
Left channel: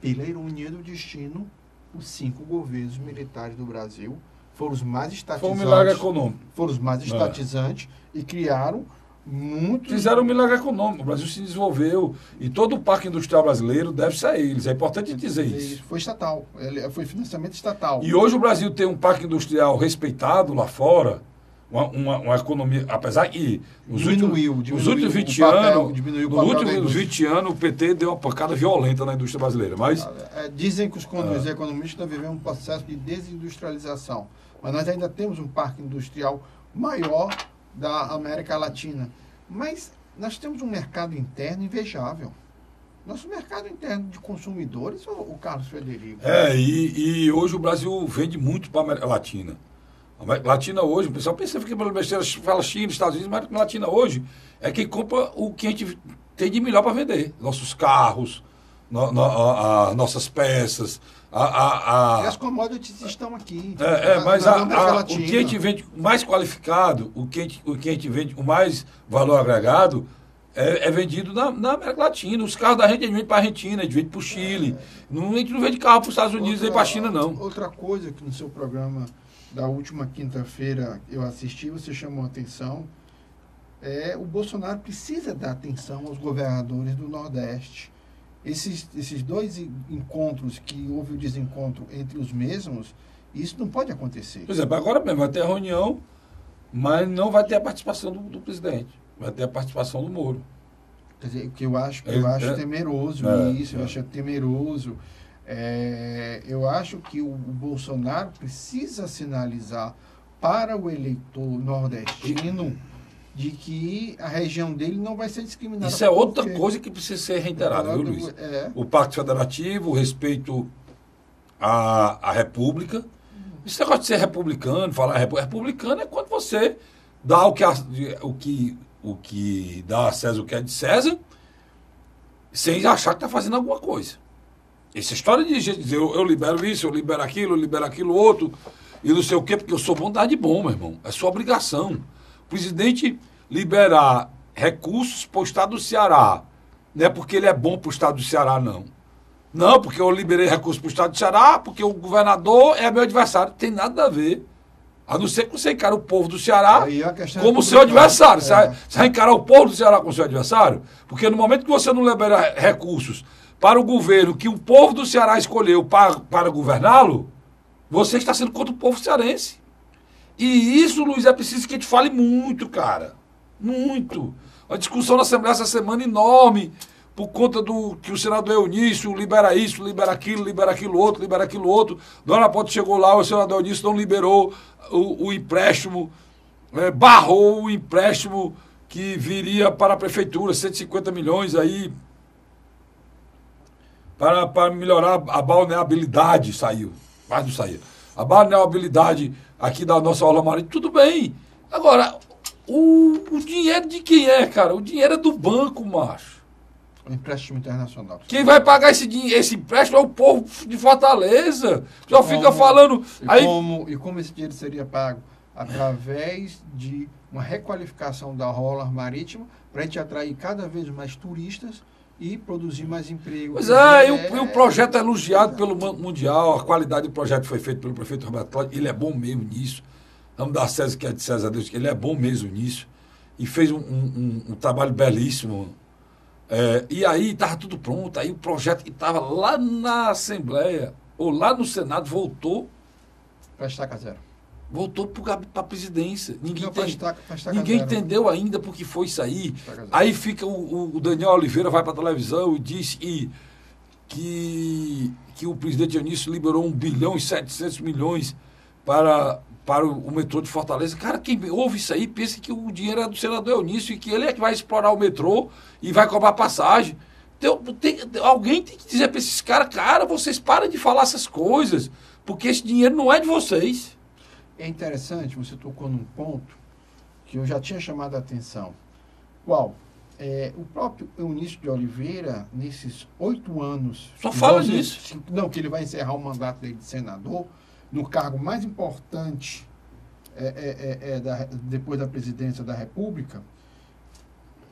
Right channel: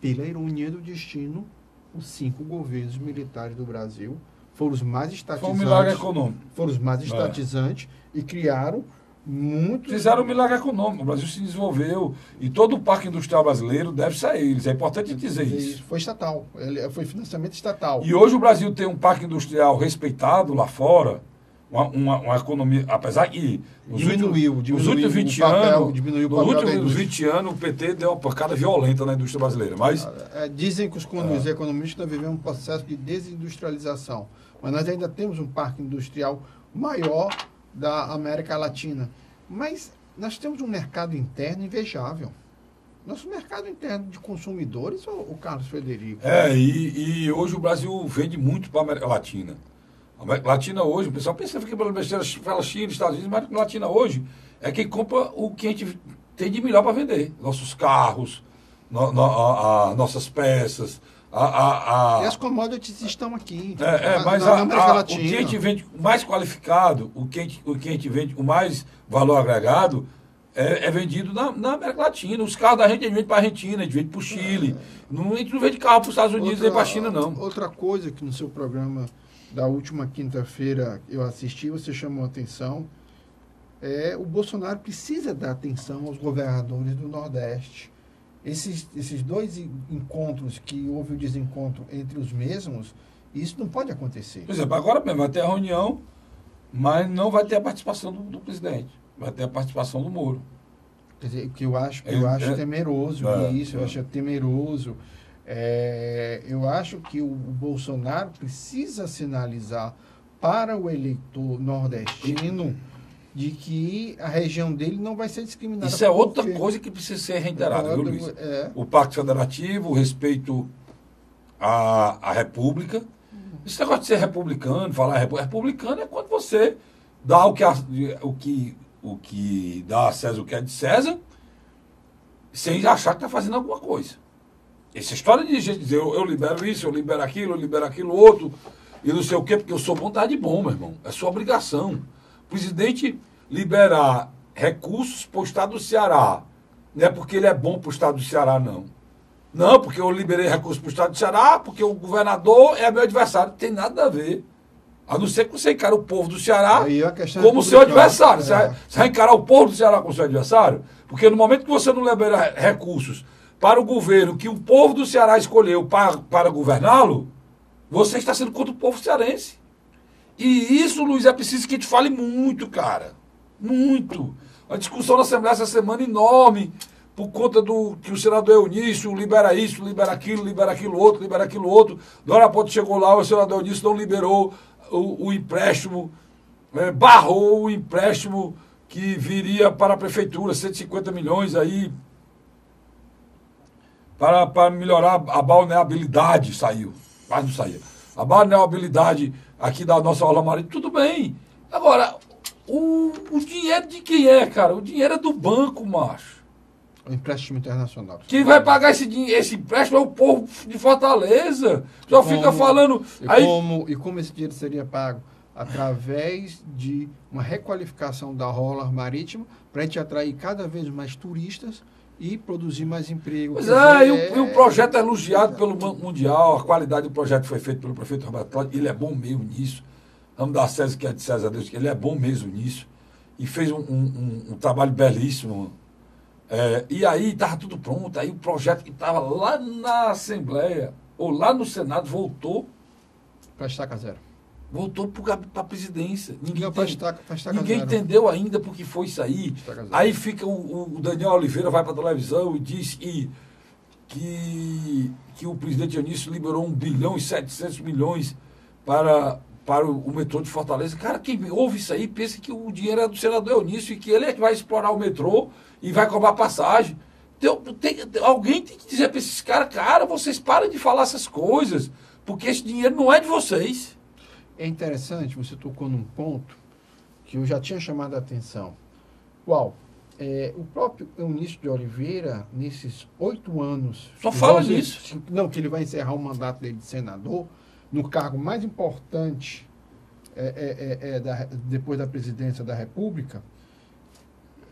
pela ironia do destino, os 5 governos militares do Brasil foram os mais estatizantes. Foi um milagre econômico. Foram os mais estatizantes e criaram muito... Fizeram um milagre econômico. O Brasil se desenvolveu e todo o parque industrial brasileiro deve-se a eles. É importante dizer isso. Foi estatal. Foi financiamento estatal. E hoje o Brasil tem um parque industrial respeitado lá fora, uma economia, apesar que nos últimos 20 anos o PT deu uma pancada violenta na indústria brasileira. Mas dizem que os economistas estão vivendo um processo de desindustrialização, mas nós ainda temos um parque industrial maior da América Latina. Mas nós temos um mercado interno invejável. Nosso mercado interno de consumidores, o Carlos Frederico. E hoje o Brasil vende muito para a América Latina. A América Latina hoje, o pessoal pensa que pelo besteira fala China, Estados Unidos, mas a América Latina hoje é quem compra o que a gente tem de melhor para vender. Nossos carros, nossas peças. E as commodities estão aqui. Mas o que a gente vende mais qualificado, o que a gente vende com mais valor agregado, é vendido na América Latina. Os carros da gente a gente vende para a Argentina, a gente vende para o Chile. A gente não vende carro para os Estados Unidos nem para a China, não. Outra coisa que no seu programa da última quinta-feira eu assisti, você chamou a atenção, o Bolsonaro precisa dar atenção aos governadores do Nordeste. Esses dois encontros que houve o desencontro entre os mesmos, isso não pode acontecer. Por exemplo, agora mesmo vai ter a reunião, mas não vai ter a participação do presidente. Vai ter a participação do Moro. Quer dizer, que eu acho temeroso isso, eu acho temeroso. Eu acho que o Bolsonaro precisa sinalizar para o eleitor nordestino de que a região dele não vai ser discriminada. Isso é outra coisa que precisa ser reiterada, viu, Luiz? O Pacto Federativo, o respeito à República. Esse negócio de ser republicano, falar republicano é quando você dá o que dá a César o que é de César, sem achar que está fazendo alguma coisa. Essa história de dizer eu libero isso, eu libero aquilo outro, e não sei o quê, porque eu sou vontade bom, meu irmão. É sua obrigação. O presidente liberar recursos para o estado do Ceará. Não é porque ele é bom para o estado do Ceará, não. Não, porque eu liberei recursos para o estado do Ceará, porque o governador é meu adversário. Não tem nada a ver. A não ser que você encara o povo do Ceará como seu adversário. Você vai encarar o povo do Ceará como seu adversário? Porque no momento que você não libera recursos para o governo que o povo do Ceará escolheu para governá-lo, você está sendo contra o povo cearense. E isso, Luiz, é preciso que a gente fale muito, cara. Muito. A discussão na Assembleia essa semana enorme, por conta do que o senador Eunício libera isso, libera aquilo outro. Da hora a pouco chegou lá, o senador Eunício não liberou o empréstimo, barrou o empréstimo que viria para a prefeitura, 150 milhões aí, para melhorar a balneabilidade, saiu, mas não saiu. A balneabilidade aqui da nossa Orla Marítima, tudo bem. Agora, o dinheiro de quem é, cara? O dinheiro é do banco, macho. Empréstimo internacional. Quem vai pagar esse empréstimo é o povo de Fortaleza. Já fica falando... Como esse dinheiro seria pago? Através de uma requalificação da Orla Marítima, para a gente atrair cada vez mais turistas e produzir mais emprego. Pois e o projeto é elogiado pelo Banco Mundial, a qualidade do projeto foi feita pelo prefeito Roberto Cláudio, ele é bom mesmo nisso. Vamos dar a César que é de César a Deus, ele é bom mesmo nisso. E fez um trabalho belíssimo. E aí estava tudo pronto, aí o projeto que estava lá na Assembleia, ou lá no Senado, voltou. Para estaca zero. Voltou para a presidência. Ninguém entendeu ainda por que foi isso aí. Aí fica o Daniel Oliveira, vai para a televisão e diz que o presidente Eunício liberou 1,7 bilhão para o metrô de Fortaleza. Cara, quem ouve isso aí pensa que o dinheiro é do senador Eunício e que ele é que vai explorar o metrô e vai cobrar passagem. Alguém tem que dizer para esses caras, cara, vocês param de falar essas coisas, porque esse dinheiro não é de vocês. É interessante, você tocou num ponto que eu já tinha chamado a atenção. Qual? O próprio Eunício de Oliveira, nesses 8 anos... Só fala nisso. Não, que ele vai encerrar o mandato dele de senador, no cargo mais importante depois da presidência da República,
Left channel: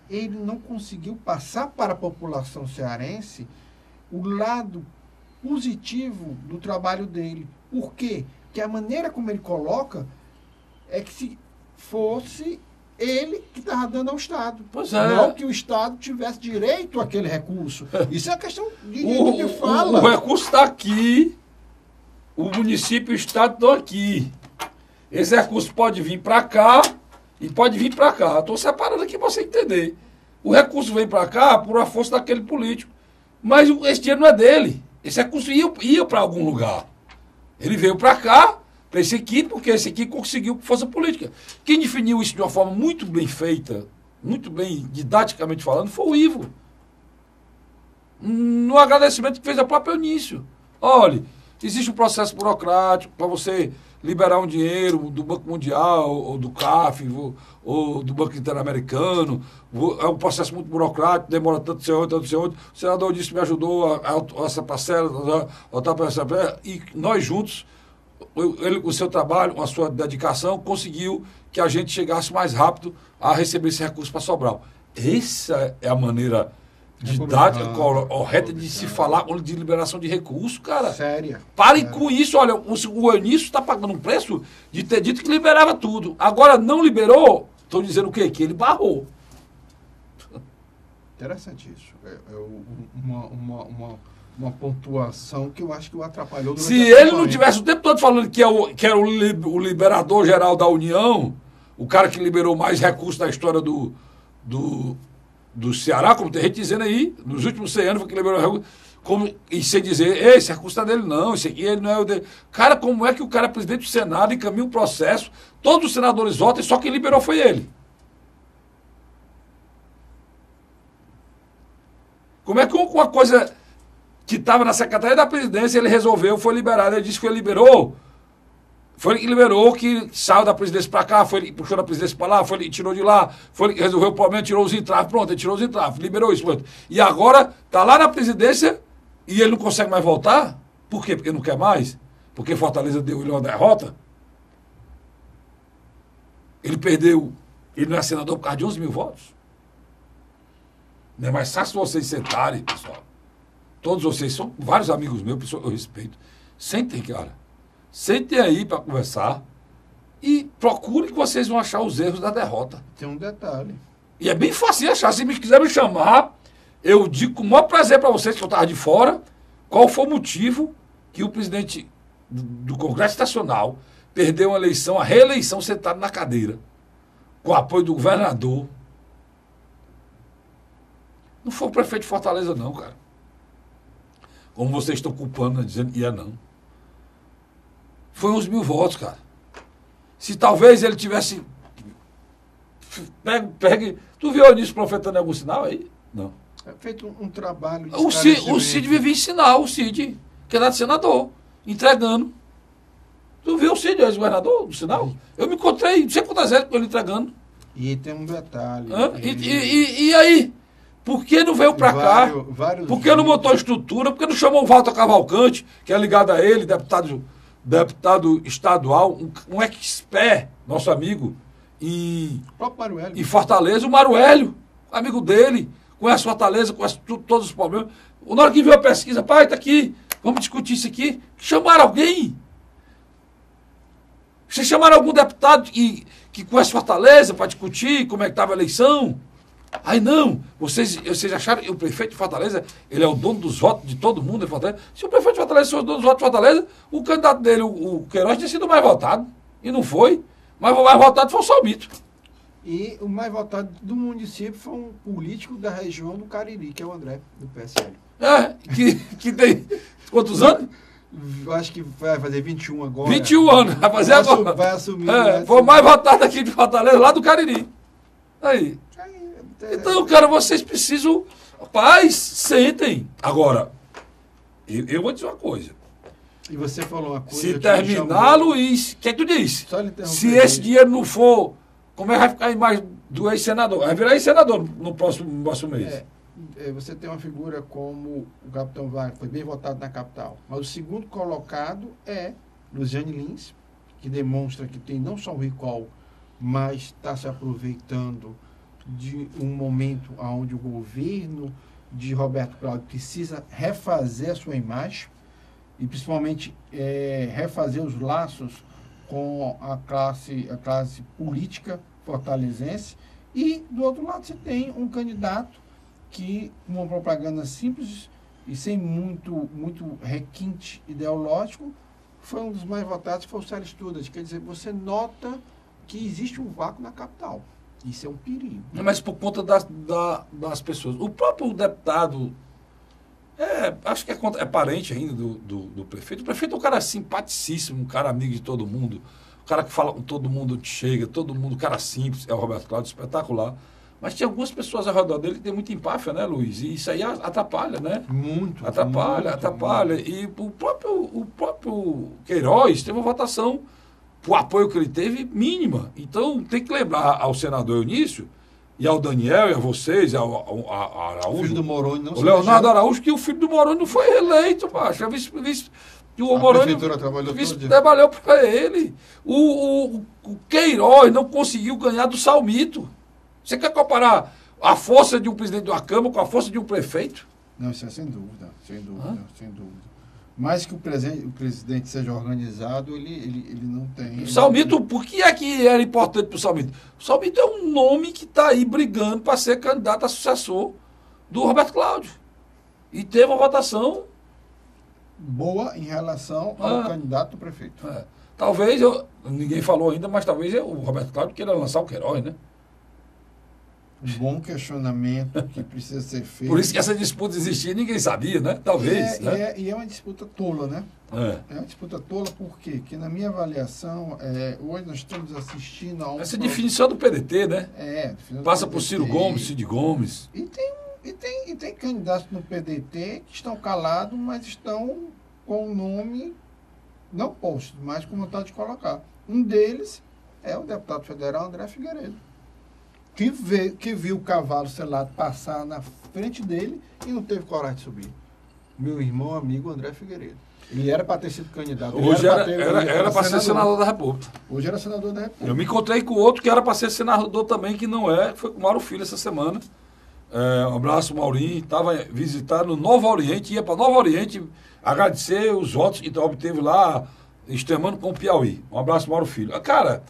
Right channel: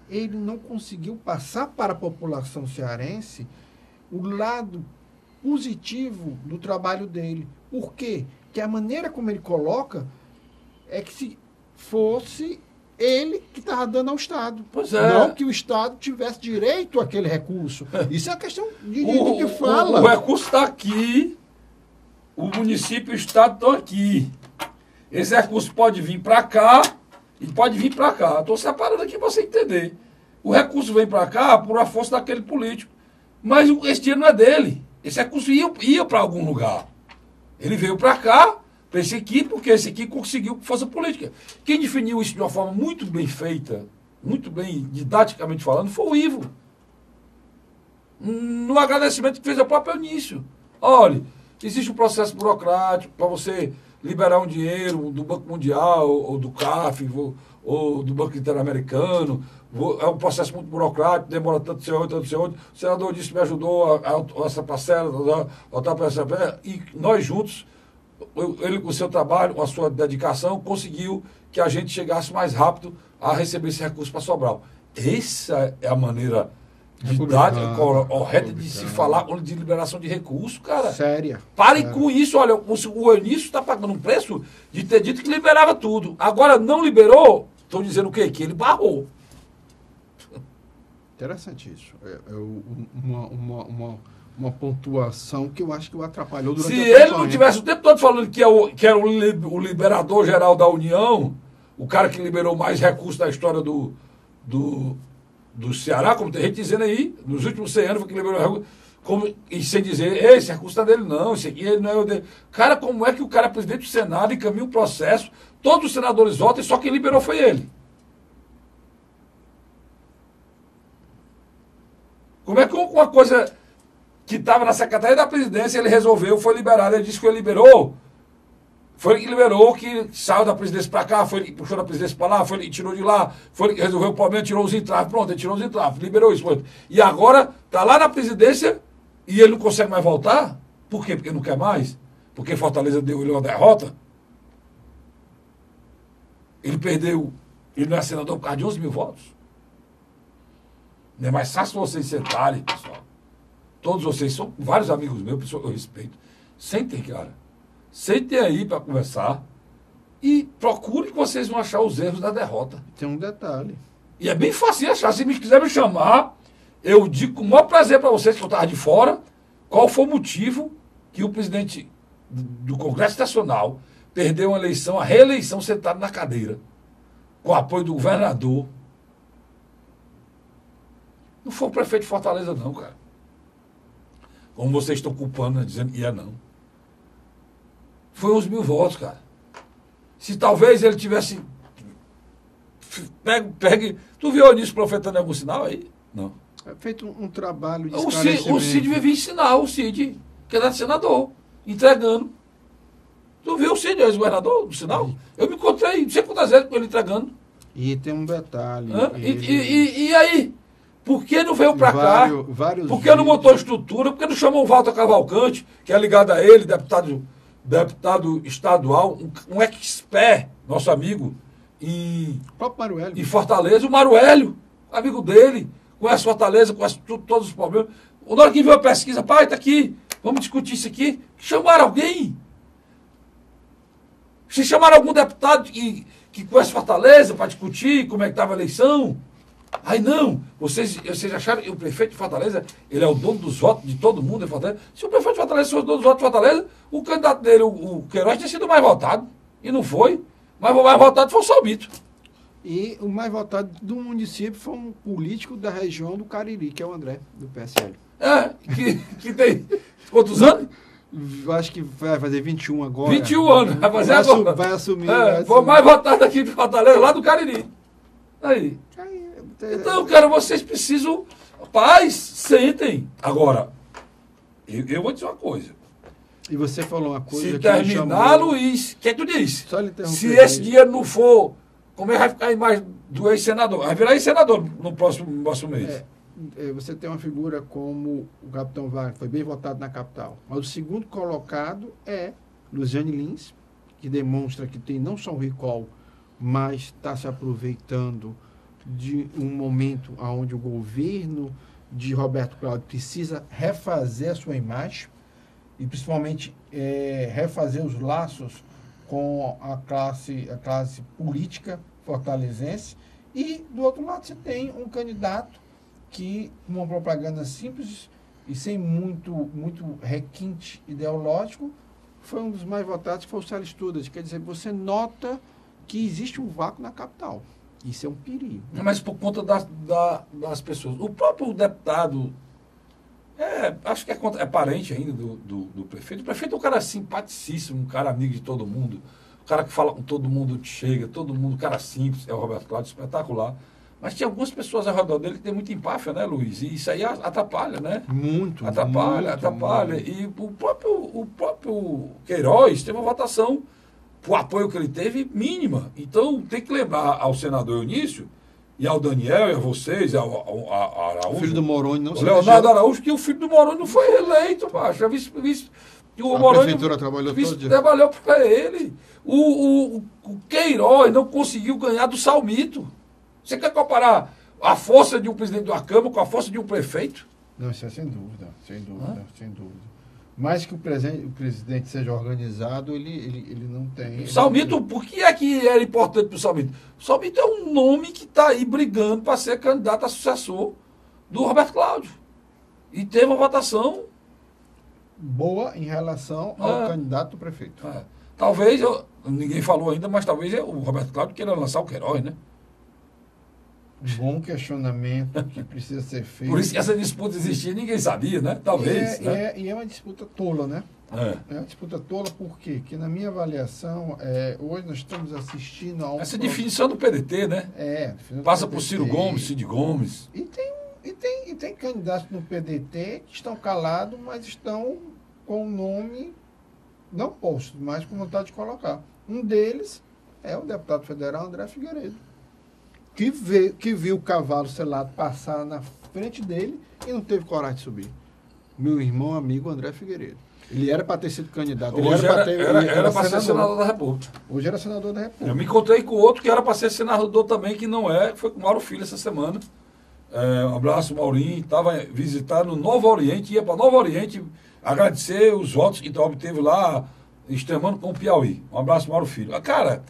ele não conseguiu passar para a população cearense o lado positivo do trabalho dele. Por quê? Que a maneira como ele coloca é que se fosse ele que estava dando ao Estado. Pois é. Não que o Estado tivesse direito àquele recurso. Isso é uma questão de fala. O recurso está aqui, o município e o Estado estão aqui. Esse recurso pode vir para cá e pode vir para cá. Estou separando aqui para você entender. O recurso vem para cá por a força daquele político. Mas esse dinheiro não é dele. Esse recurso ia para algum lugar. Ele veio para cá, para esse aqui, porque esse aqui conseguiu força política. Quem definiu isso de uma forma muito bem feita, muito bem didaticamente falando, foi o Ivo. No agradecimento que fez ao próprio Eunício. Olha, existe um processo burocrático para você liberar um dinheiro do Banco Mundial, ou do CAF, ou do Banco Interamericano. É um processo muito burocrático, demora tanto ser outro, tanto ser outro. O senador disse que me ajudou a essa parcela, e nós juntos, ele com o seu trabalho, com a sua dedicação, conseguiu que a gente chegasse mais rápido a receber esse recurso para Sobral. Essa é a maneira didática, correta de se falar de liberação de recursos, cara. Séria. Parem com isso, olha, o Eunício está pagando um preço de ter dito que liberava tudo. Agora não liberou, estou dizendo o quê? Que ele barrou. Interessante isso. Uma pontuação que eu acho que o atrapalhou. Se ele não tivesse o tempo todo falando que era o liberador geral da União, o cara que liberou mais recursos da história do Ceará, como tem gente dizendo aí, nos últimos 100 anos foi que liberou recursos, e sem dizer, esse recurso é dele não, esse aqui ele não é o dele. Cara, como é que o cara é presidente do Senado, encaminha o processo, todos os senadores votam, e só quem liberou foi ele? Como é que uma coisa que estava na Secretaria da Presidência, ele resolveu, foi liberado, ele disse que ele liberou, foi ele que liberou, que saiu da presidência para cá, foi ele que puxou da presidência para lá, foi ele que tirou de lá, foi ele que resolveu o problema, tirou os entraves, pronto, ele tirou os entraves, liberou isso. Pronto. E agora está lá na presidência e ele não consegue mais voltar? Por quê? Porque não quer mais? Porque Fortaleza deu ele uma derrota? Ele perdeu, ele não é senador por causa de 11 mil votos? Não é mais fácil vocês sentarem, pessoal. Todos vocês são vários amigos meus, pessoal que eu respeito. Sentem, cara. Sentem aí para conversar e procurem que vocês vão achar os erros da derrota. Tem um detalhe. E é bem fácil achar. Se me quiser me chamar, eu digo com o maior prazer para vocês que eu estava de fora, qual foi o motivo que o presidente do Congresso Nacional perdeu uma eleição, a reeleição, sentado na cadeira, com o apoio do governador. Não foi o prefeito de Fortaleza, não, cara. Como vocês estão culpando, dizendo que não. Foi 11 mil votos, cara. Se talvez ele tivesse... Pegue... Tu viu o Eunício profetando em algum sinal aí? Não. É feito um trabalho de o Cid vivia em sinal, o Cid, que era senador, entregando. Tu viu o Cid, ex-governador, do sinal? Eu me encontrei, não sei quantas vezes com ele entregando. E tem um detalhe. E aí? Por que não veio para cá? Por que não botou estrutura? Por que não chamou o Walter Cavalcante, que é ligado a ele, deputado estadual, um expert, nosso amigo, e Fortaleza, o Maruélio, amigo dele, conhece Fortaleza, conhece todos os problemas. Na hora que viu a pesquisa, pai, está aqui, vamos discutir isso aqui. Chamaram alguém? Vocês chamaram algum deputado que conhece Fortaleza para discutir como é que estava a eleição? Aí não, vocês acharam que o prefeito de Fortaleza, ele é o dono dos votos de todo mundo em Fortaleza? Se o prefeito de Fortaleza fosse o dono dos votos de Fortaleza, o candidato dele, o Queiroz, tinha sido mais votado. E não foi. Mas o mais votado foi o Salmito. E o mais votado do município foi um político da região do Cariri, que é o André, do PSL. Que tem quantos anos? Acho que vai fazer 21 agora. 21 anos, vai fazer agora. Vai assumir. Foi o mais votado aqui de Fortaleza, lá do Cariri. Aí. Então, cara, vocês precisam... Paz, sentem. Agora, eu vou dizer uma coisa. E você falou uma coisa... Se terminar, Luiz... O que tu disse? Se esse dinheiro não for... Como é que vai ficar aí mais do ex-senador? Vai virar ex-senador no próximo mês. Você tem uma figura como o Capitão Wagner, foi bem votado na capital. Mas o segundo colocado é Luciane Lins, que demonstra que tem não só um recall, mas está se aproveitando de um momento onde o governo de Roberto Cláudio precisa refazer a sua imagem e principalmente refazer os laços com a classe política fortalezense. E do outro lado você tem um candidato que, uma propaganda simples e sem muito requinte ideológico, foi um dos mais votados, que foi o Célio Studas. Quer dizer, você nota que existe um vácuo na capital. Isso é um perigo. Mas por conta das pessoas. O próprio deputado, acho que é parente ainda do prefeito. O prefeito é um cara simpaticíssimo, um cara amigo de todo mundo, um cara que fala com todo mundo onde chega, todo mundo, um cara simples, é o Roberto Cláudio, espetacular. Mas tem algumas pessoas ao redor dele que tem muita empáfia, né, Luiz? E isso aí atrapalha, né? Muito. Atrapalha. E o próprio Queiroz teve uma votação o apoio que ele teve, mínima. Então, tem que lembrar ao senador Eunício, e ao Daniel, e a vocês, ao Araújo. O filho do Moroni não o se Leonardo elegeu. Araújo, que o filho do Moroni não foi reeleito, macho. E o A Moroni prefeitura trabalhou todo dia. trabalhou para ele. O Queiroz não conseguiu ganhar do Salmito. Você quer comparar a força de um presidente de uma Câmara com a força de um prefeito? Não, isso é sem dúvida, sem dúvida. Mais que o presidente seja organizado, ele não tem. O Salmito, por que é que era importante para o Salmito? O Salmito é um nome que está aí brigando para ser candidato a sucessor do Roberto Cláudio. E teve uma votação. Boa em relação ao candidato a prefeito. Talvez, ninguém falou ainda, mas talvez o Roberto Cláudio queira lançar o Queiroz, né? Um bom questionamento que precisa ser feito. Por isso que essa disputa existia, ninguém sabia, né? Talvez. E é uma disputa tola, né? É uma disputa tola por quê? Porque na minha avaliação, hoje nós estamos assistindo a um... Essa definição do PDT, né? Definição Passa do por Ciro PDT. Gomes, Cid Gomes. E tem candidatos no PDT que estão calados, mas estão com o nome não posto, mas com vontade de colocar. Um deles é o deputado federal André Figueiredo, que viu o cavalo selado passar na frente dele e não teve coragem de subir. Meu irmão amigo André Figueiredo. Ele era para ter sido candidato. Hoje era para ser senador da República. Hoje era senador da República. Eu me encontrei com outro que era para ser senador também, que não é, que foi com o Mauro Filho essa semana. Um abraço, Maurinho. Estava visitando Novo Oriente, ia para Novo Oriente agradecer os votos que obteve lá, extremando com o Piauí. Um abraço, Mauro Filho. Cara,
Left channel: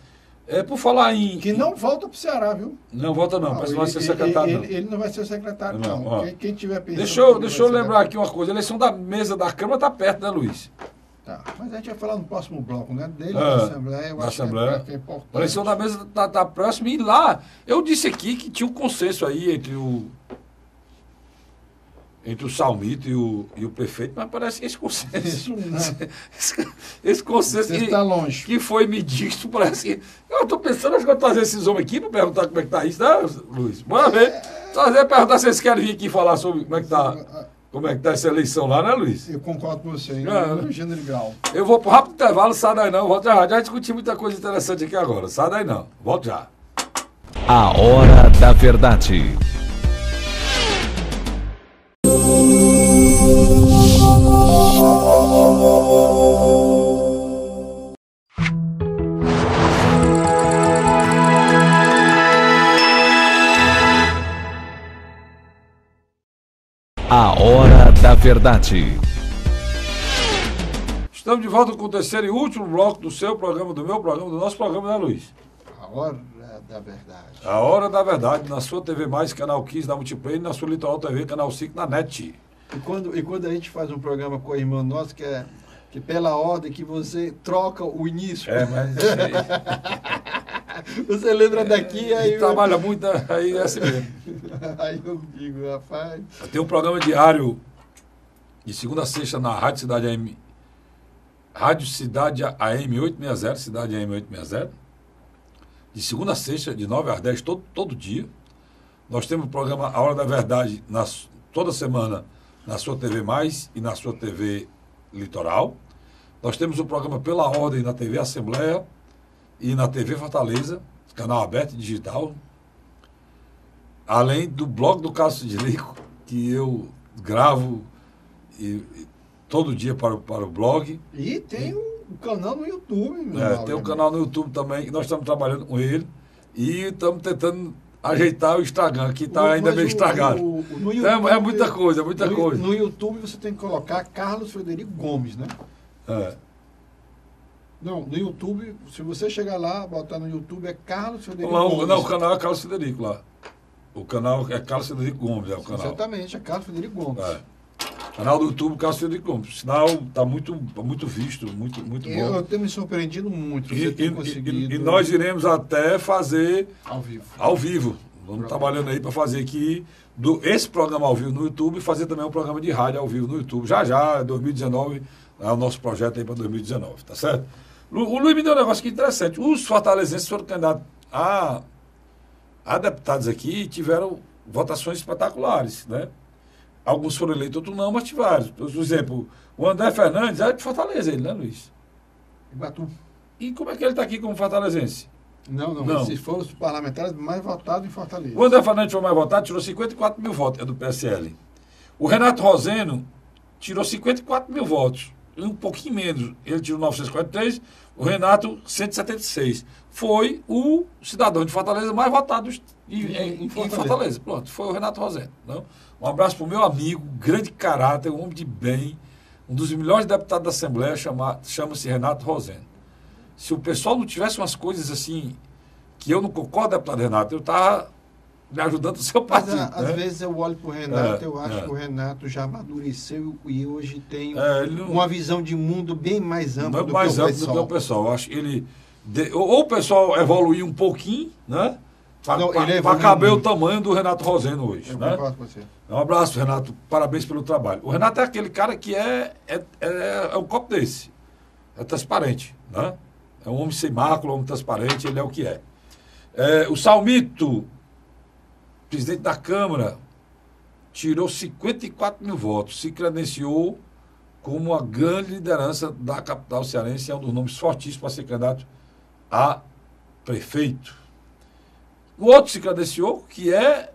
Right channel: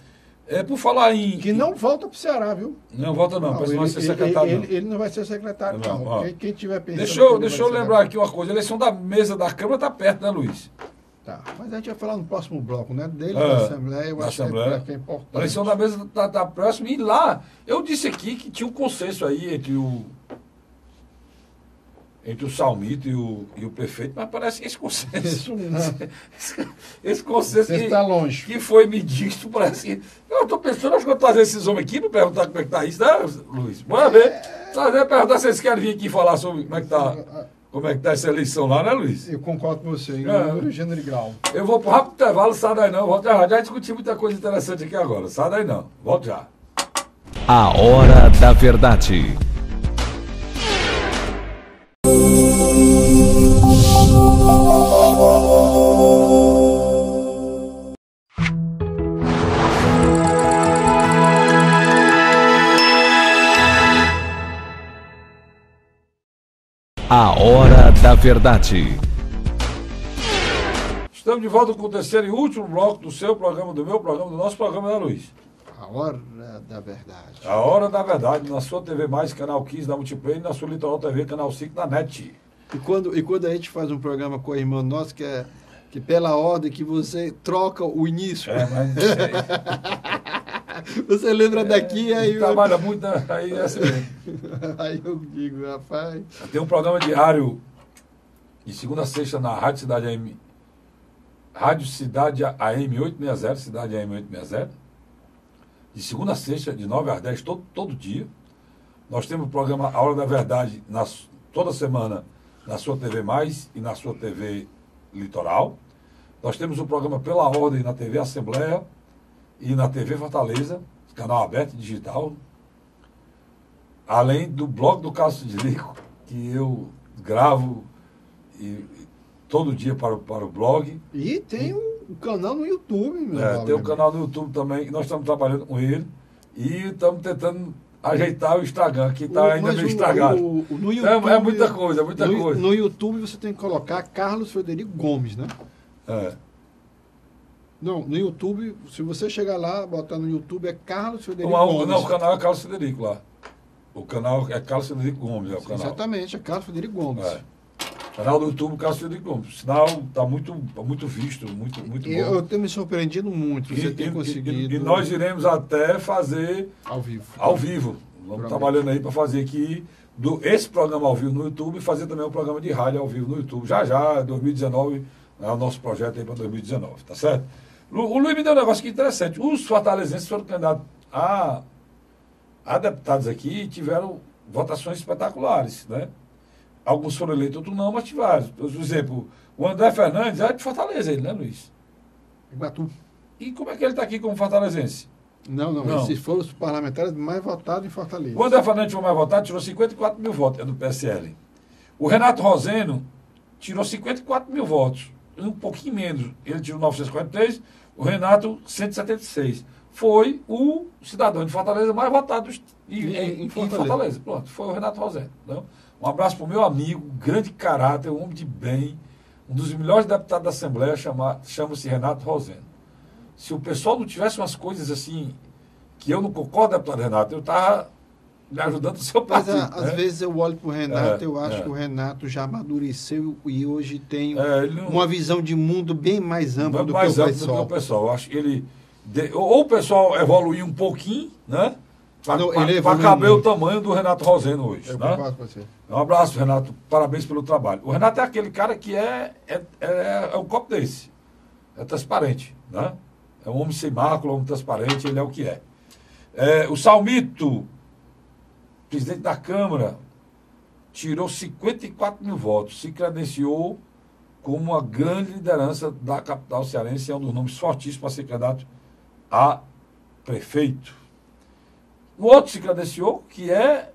por falar em... Que não volta para o Ceará, viu? Não volta não, parece que não vai ser secretário. Ele não vai ser secretário, não. Quem tiver pensando... Deixa eu lembrar aqui uma coisa. A eleição da mesa da Câmara está perto, né, Luiz? Tá, mas a gente vai falar no próximo bloco, né? Dele da Assembleia, eu acho que é importante. A eleição da mesa está próxima e lá, eu disse aqui que tinha um consenso aí entre o Salmito e o prefeito, mas parece que esse consenso... esse consenso está longe. Que foi medido, parece que... Eu estou pensando, acho que eu vou trazer esses homens aqui para perguntar como é que está isso, né, Luiz? Bora ver. Perguntar se eles querem vir aqui falar sobre como é que está essa eleição lá, né, Luiz? Eu concordo com você, no gênero grau. Eu vou para o rápido intervalo, sai daí não, volto já. Já discuti muita coisa interessante aqui agora, sai daí não, volto já. A Hora da Verdade. A Hora da Verdade. Estamos de volta com o terceiro e último bloco do seu programa, do meu programa, do nosso programa, né, Luiz? A Hora da Verdade. A Hora da Verdade, na sua TV Mais, canal 15 da Multiplay, e na sua Litoral TV, canal 5 na NET. E quando a gente faz um programa com a irmã nossa, que pela ordem que você troca o início. Mas isso aí. Você lembra daqui, aí... Trabalha muito, aí é assim mesmo. Aí eu digo, rapaz... Tem um programa diário, de segunda a sexta, na Rádio Cidade AM, Rádio Cidade AM 860, Cidade AM 860, de segunda a sexta, de 9 às 10, todo dia. Nós temos o programa A Hora da Verdade, toda semana, na sua TV Mais e na sua TV Litoral. Nós temos o programa Pela Ordem na TV Assembleia e na TV Fortaleza, canal aberto digital. Além do blog do Carlos Frederico, que eu gravo todo dia para o blog. E tem um canal no YouTube. Tem um canal no YouTube também, que nós estamos trabalhando com ele. E estamos tentando ajeitar o Instagram, que está ainda meio estragado. No YouTube, é muita coisa, muita coisa. No YouTube você tem que colocar Carlos Frederico Gomes, né? Não, no YouTube, se você chegar lá, botar no YouTube, é Carlos Frederico Gomes. Não, o canal é Carlos Frederico lá. O canal é Carlos Frederico Gomes, o canal. Exatamente, é Carlos Frederico Gomes. Canal do YouTube, Carlos Frederico Gomes. O sinal está muito visto, muito bom. Eu tenho me surpreendido muito, você tem conseguido. E nós iremos até fazer ao vivo. Vamos trabalhando aí para fazer aqui esse programa ao vivo no YouTube e fazer também um programa de rádio ao vivo no YouTube. Já, 2019, é o nosso projeto aí para 2019, tá certo? O Luiz me deu um negócio aqui interessante. Os fortalezenses foram candidatos a deputados aqui e tiveram votações espetaculares, né? Alguns foram eleitos, outros não, mas tiveram. Por exemplo, o André Fernandes é de Fortaleza, ele, né, Luiz? E como é que ele está aqui como fortalezense? Não. Esses foram os parlamentares mais votados em Fortaleza. O André Fernandes foi mais votado, tirou 54 mil votos, é do PSL. O Renato Roseno tirou 54 mil votos, um pouquinho menos. Ele tirou 943, o Renato 176. Foi o cidadão de Fortaleza mais votado em Fortaleza. Pronto, foi o Renato Roseno. Não? Um abraço para o meu amigo, grande caráter, um homem de bem, um dos melhores deputados da Assembleia, chama-se Renato Roseno. Se o pessoal não tivesse umas coisas assim, que eu não concordo, deputado Renato, eu estava me ajudando o seu partido. Mas, às vezes eu olho para o Renato, eu acho que o Renato já amadureceu e hoje tem uma visão de mundo bem mais ampla do que o pessoal. Eu acho que ele... Ou o pessoal evoluiu um pouquinho, né? Para caber o tamanho do Renato Roseno hoje. Eu né? concordo com você. Um abraço, Renato. Parabéns pelo trabalho. O Renato é aquele cara que é um copo desse. É transparente, né? É um homem sem mácula, um homem transparente, ele é o que é. O Salmito, presidente da Câmara, tirou 54 mil votos, se credenciou como uma grande liderança da capital cearense, é um dos nomes fortíssimos para ser candidato a prefeito. O outro se credenciou, que é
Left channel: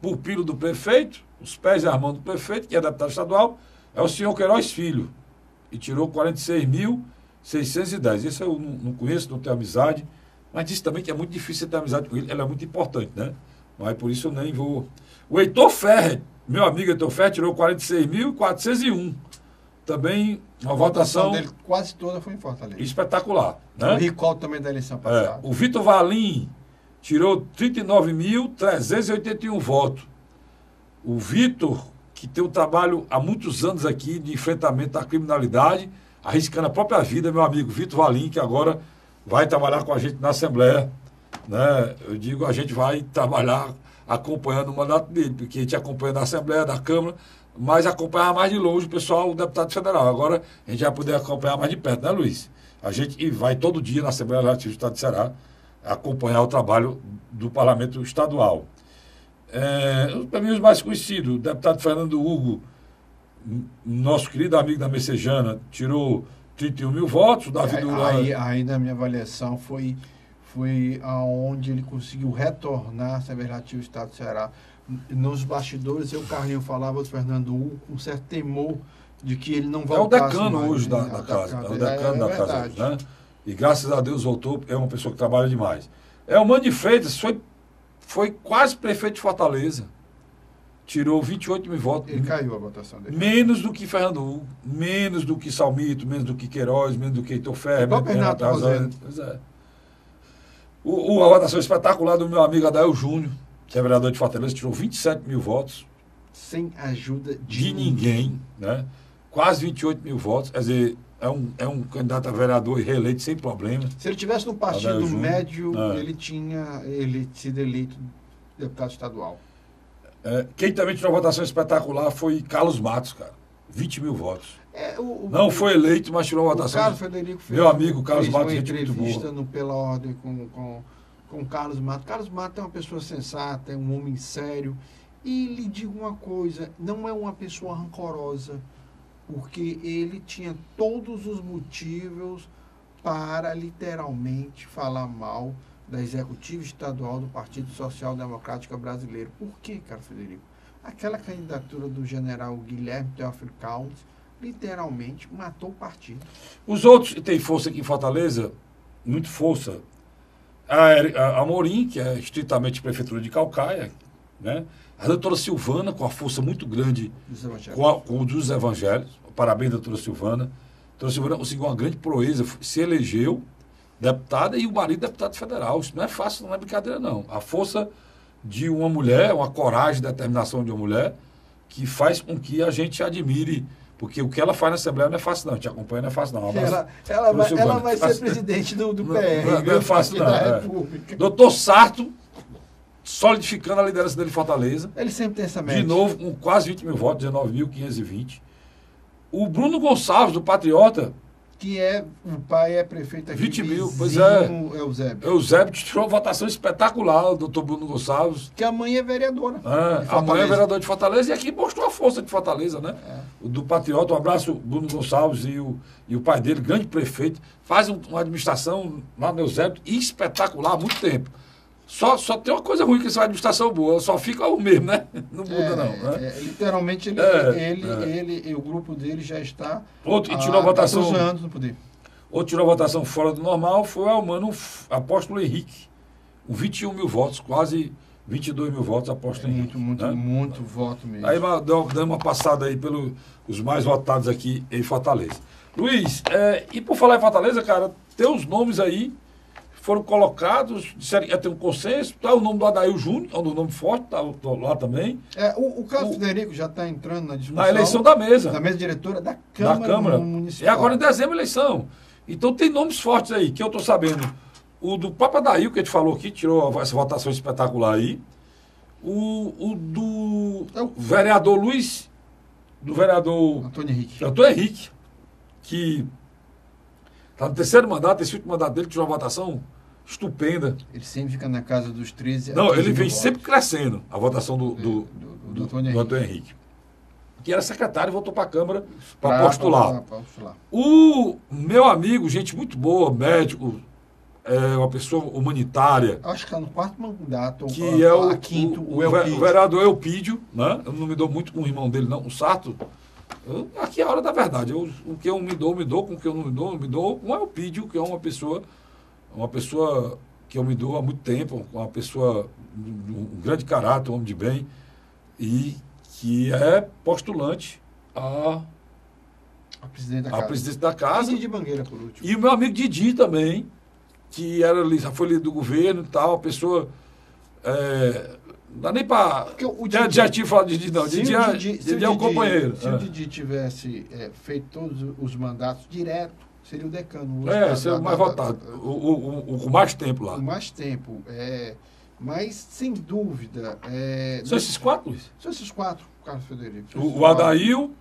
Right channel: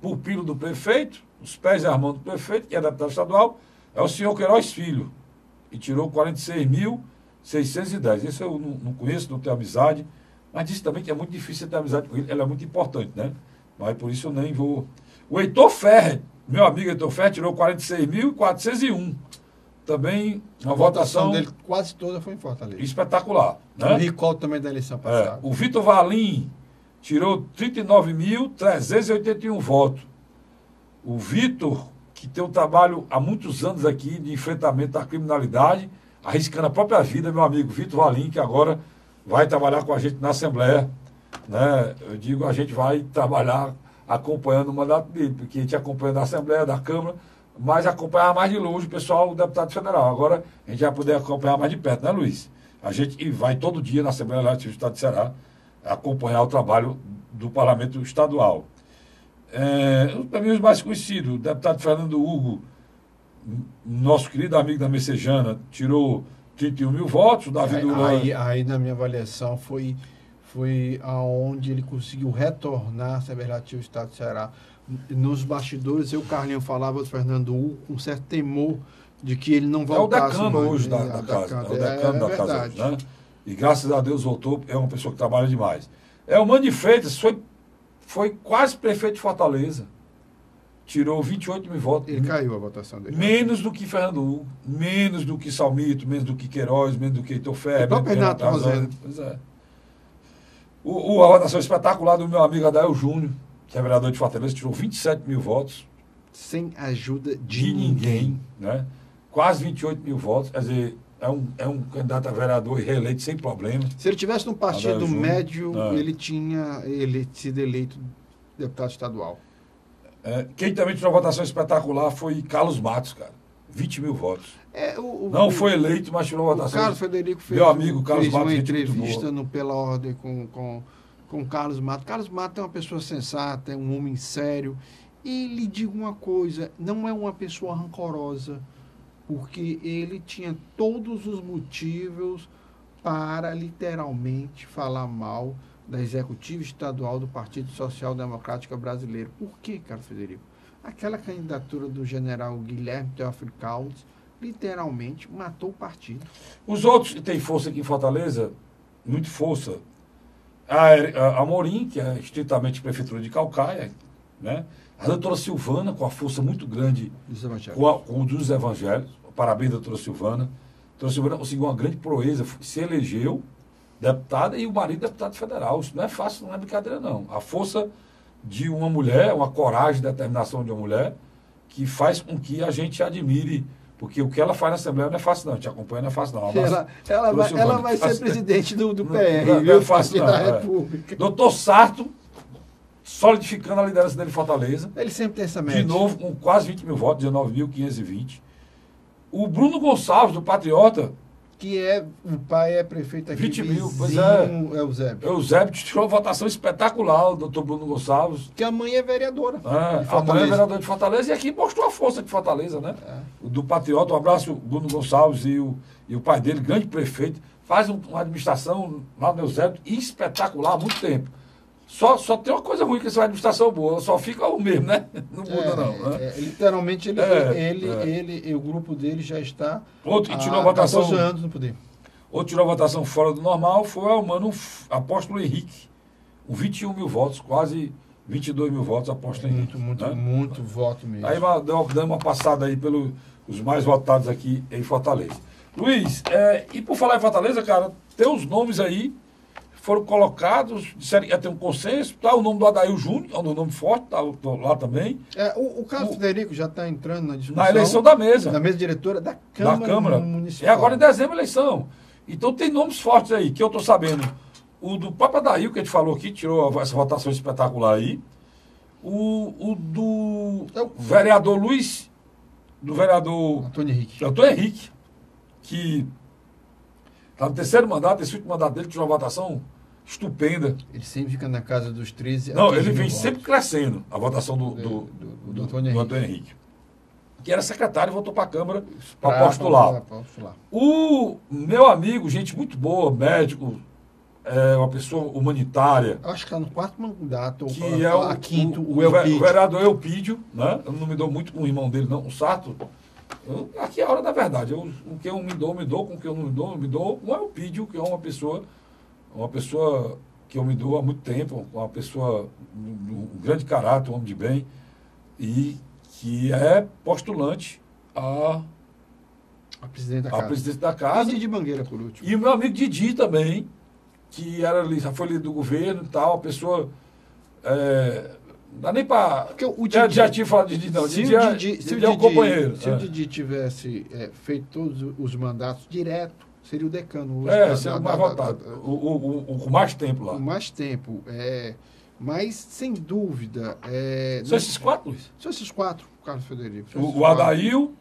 pupilo do prefeito, os pés e as mãos do prefeito, que é deputado estadual, é o senhor Queiroz Filho, e tirou 46.610. Isso eu não conheço, não tenho amizade, mas disse também que é muito difícil ter amizade com ele, ela é muito importante, né? Mas por isso eu nem vou... O Heitor Ferrer, meu amigo Heitor Ferrer, tirou 46.401. Também uma votação dele quase toda foi em Fortaleza. Espetacular. Né? O recall também da eleição passada. O Vitor Valim tirou 39.381 votos. O Vitor, que tem um trabalho há muitos anos aqui de enfrentamento à criminalidade, arriscando a própria vida, meu amigo Vitor Valim, que agora vai trabalhar com a gente na Assembleia. Né? Eu digo, a gente vai trabalhar acompanhando o mandato dele, porque a gente acompanha da Assembleia, da Câmara, mas acompanhar mais de longe o pessoal, o deputado federal. Agora a gente vai poder acompanhar mais de perto, né, Luiz? A gente vai todo dia na Assembleia Legislativa do Estado de Ceará acompanhar o trabalho do Parlamento Estadual. Para mim, os mais conhecidos, o deputado Fernando Hugo, nosso querido amigo da Messejana, tirou 31 mil votos. Davi Duran... Aí, na minha avaliação, foi aonde ele conseguiu retornar a Assembleia Legislativa do Estado de Ceará. Nos bastidores, o Carlinho falava do Fernando Hugo com certo temor de que ele não voltasse. É o decano mais, hoje da casa. É o decano da casa hoje, né? E graças a Deus voltou, é uma pessoa que trabalha demais. O Mano de Freitas foi quase prefeito de Fortaleza. Tirou 28 mil votos. Ele caiu a votação dele. Menos do que Fernando Hugo, menos do que Salmito, menos do que Queiroz, menos do que Heitor Ferrer. Menos do que Renato Roseno. Pois é. A votação espetacular do meu amigo Adael Júnior, que é vereador de Fortaleza, tirou 27 mil votos. Sem ajuda de ninguém, né? Quase 28 mil votos. Quer dizer, é um candidato a vereador e reeleito sem problema. Se ele tivesse num partido médio, ele tinha sido eleito deputado estadual. Quem também tirou uma votação espetacular foi Carlos Matos, cara. 20 mil votos. Não foi eleito, mas tirou uma votação. O Carlos Frederico fez, meu amigo Carlos Matos, uma entrevista no Pela Ordem com Carlos Matos. Carlos Matos é uma pessoa sensata, é um homem sério. E lhe digo uma coisa, não é uma pessoa rancorosa, porque ele tinha todos os motivos para literalmente falar mal da executiva estadual do Partido Social Democrático Brasileiro. Por quê, Carlos Frederico? Aquela candidatura do general Guilherme Teófilo Caldas literalmente matou o partido. Os outros que têm força aqui em Fortaleza, muito força, a Amorim, que é estritamente prefeitura de Calcaia, né? A doutora Silvana, com a força muito grande com o dos evangelhos. Parabéns, doutora Silvana. A doutora Silvana conseguiu uma grande proeza, se elegeu deputada e o marido deputado federal. Isso não é fácil, não é brincadeira, não. A força de uma mulher, uma coragem e determinação de uma mulher que faz com que a gente admire, porque o que ela faz na Assembleia não é fácil, não. A gente acompanha, não é fácil, não. Ela vai ser presidente do PR. Não é fácil, não. Doutor Sarto, solidificando a liderança dele em Fortaleza. Ele sempre tem essa mente. De novo, com quase 20 mil votos, 19.520. O Bruno Gonçalves, do Patriota, que o pai é prefeito aqui. 20 mil, pois é. Eusébio. Eusébio tirou uma votação espetacular, o doutor Bruno Gonçalves. Que a mãe é vereadora. A mãe é vereadora de Fortaleza e aqui mostrou a força de Fortaleza, né? Do Patriota, um abraço, Bruno Gonçalves e o pai dele, grande prefeito, faz uma administração lá no Eusébio espetacular há muito tempo. Só tem uma coisa ruim que essa administração boa, só fica o mesmo, né? Não muda, não. Né? Literalmente, o grupo dele já está e tirou a votação, 14 anos no poder. Outro tirou a votação fora do normal foi o mano Apóstolo Henrique, com 21 mil votos, quase 22 mil votos, Apóstolo Henrique. Muito voto mesmo. Aí dando uma passada aí pelos mais votados aqui em Fortaleza. Luiz, e por falar em Fortaleza, cara, tem uns nomes aí foram colocados, disseram que ia ter um consenso, tá o nome do Adail Júnior, é um nome forte, tá lá também. O Carlos Frederico já está entrando na discussão. Na eleição da mesa. Da mesa diretora da Câmara Municipal. É agora em dezembro a eleição. Então tem nomes fortes aí, que eu estou sabendo. O do próprio Adail, que a gente falou aqui, tirou essa votação espetacular aí. O do vereador Luiz, do vereador Antônio Henrique, que está no terceiro mandato, esse último mandato dele, que tirou uma votação estupenda. Ele sempre fica na casa dos 13. Não, ele vem sempre crescendo, a votação do Antônio Henrique. Que era secretário e voltou para a Câmara para postular. O meu amigo, gente muito boa, médico, uma pessoa humanitária. Acho que está no quarto mandato. Que é o vereador Elpídio, né? Eu não me dou muito com o irmão dele, não, o Sato. Aqui é a hora da verdade. O que eu me dou, com o que eu não me dou com o Elpídio, que é uma pessoa que eu me dou há muito tempo, uma pessoa de um grande caráter, um homem de bem, e que é postulante a presidente da casa. Didi Mangueira, por último. E o meu amigo Didi também, que foi líder do governo e tal, a pessoa. Não dá nem para. Já tinha falado de Didi, não. Didi é o companheiro. Se o Didi tivesse feito todos os mandatos direto, seria o decano. Seria o mais votado. O com mais tempo lá. Com mais tempo. Mas, sem dúvida. São esses quatro, Luiz? São esses quatro, Carlos Frederico. O Adail,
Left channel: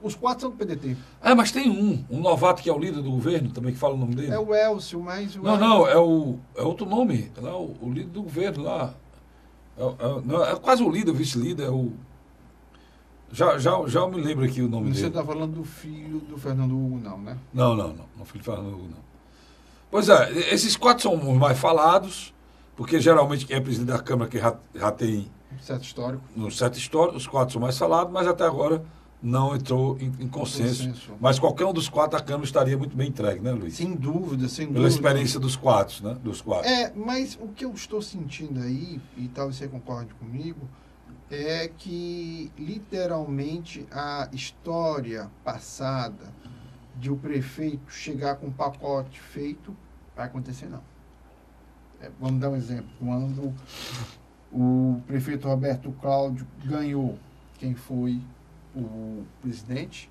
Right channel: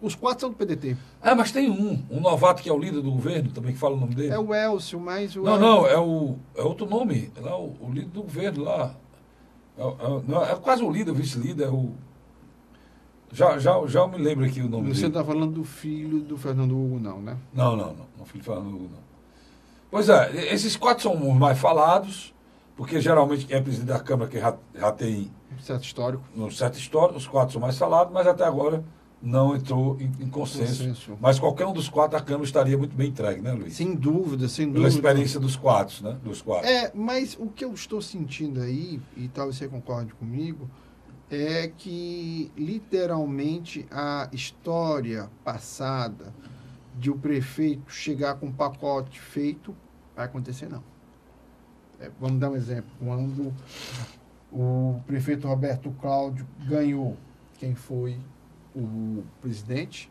os quatro são do PDT. Mas tem um novato que é o líder do governo, também que fala o nome dele. É o Elcio, mas o... Não, é outro nome. É lá, o líder do governo lá. É quase o líder, o vice-líder, Já me lembro aqui o nome dele. Você está falando do filho do Fernando Hugo, não, né? Não. O filho do Fernando Hugo, não. Pois esses quatro são os mais falados, porque geralmente quem é presidente da Câmara que já tem... Certo histórico. No certo histórico, os quatro são mais falados, mas até agora não entrou em consenso. Mas qualquer um dos quatro, a Câmara estaria muito bem entregue, né, Luiz? Sem dúvida. Pela experiência dos quatro, né? Mas o que eu estou sentindo aí, e talvez você concorde comigo, é que, literalmente, a história passada de o prefeito chegar com um pacote feito, vai acontecer, não. Vamos dar um exemplo. Quando o prefeito Roberto Cláudio ganhou, quem foi o presidente?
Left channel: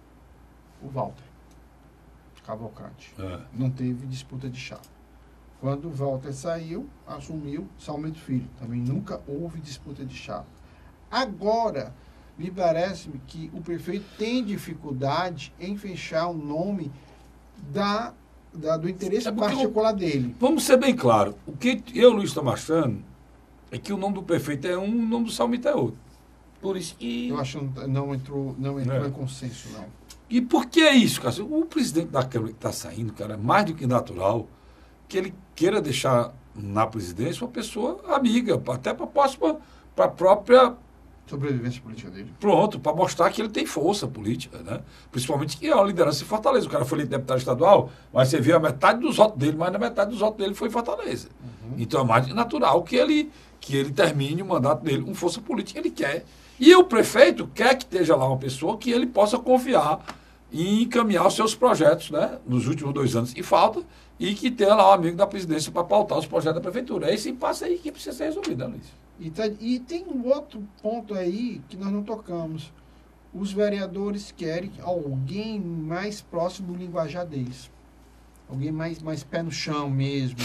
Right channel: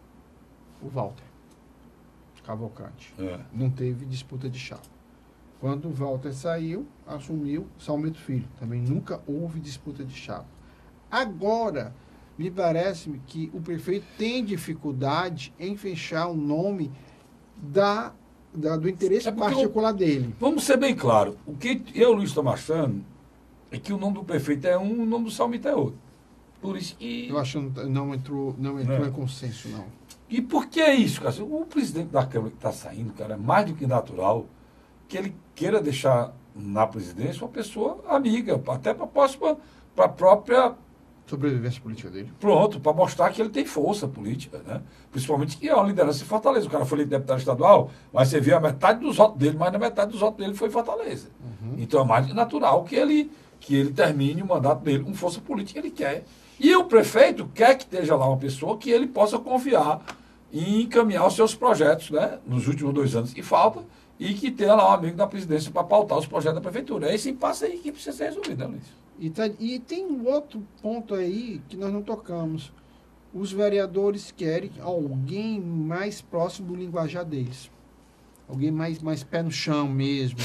O Walter Cavalcante. Não teve disputa de chapa. Quando o Walter saiu, assumiu Salmento Filho. Também nunca houve disputa de chapa. Agora, me parece que o prefeito tem dificuldade em fechar o nome do interesse particular dele. Vamos ser bem claros. O que eu, Luiz, estou achando é que o nome do prefeito é um, o nome do Salmito é outro. Por isso que... Eu acho que não entrou em consenso, não. E por que isso, cara? O presidente da Câmara que está saindo, cara, é mais do que natural que ele queira deixar na presidência uma pessoa amiga, até para a própria sobrevivência política dele. Pronto, para mostrar que ele tem força política, né? Principalmente que é uma liderança em Fortaleza. O cara foi deputado estadual, mas você vê a metade dos votos dele, mais da metade dos votos dele foi em Fortaleza. Então é mais natural que ele termine o mandato dele com força política que ele quer. E o prefeito quer que esteja lá uma pessoa que ele possa confiar e encaminhar os seus projetos, né? Nos últimos 2 anos que falta, e que tenha lá um amigo da presidência para pautar os projetos da prefeitura. É esse impasse aí que precisa ser resolvido, né, Luiz? E tem um outro ponto aí que nós não tocamos. Os vereadores querem alguém mais próximo do linguajar deles. Alguém mais pé no chão mesmo,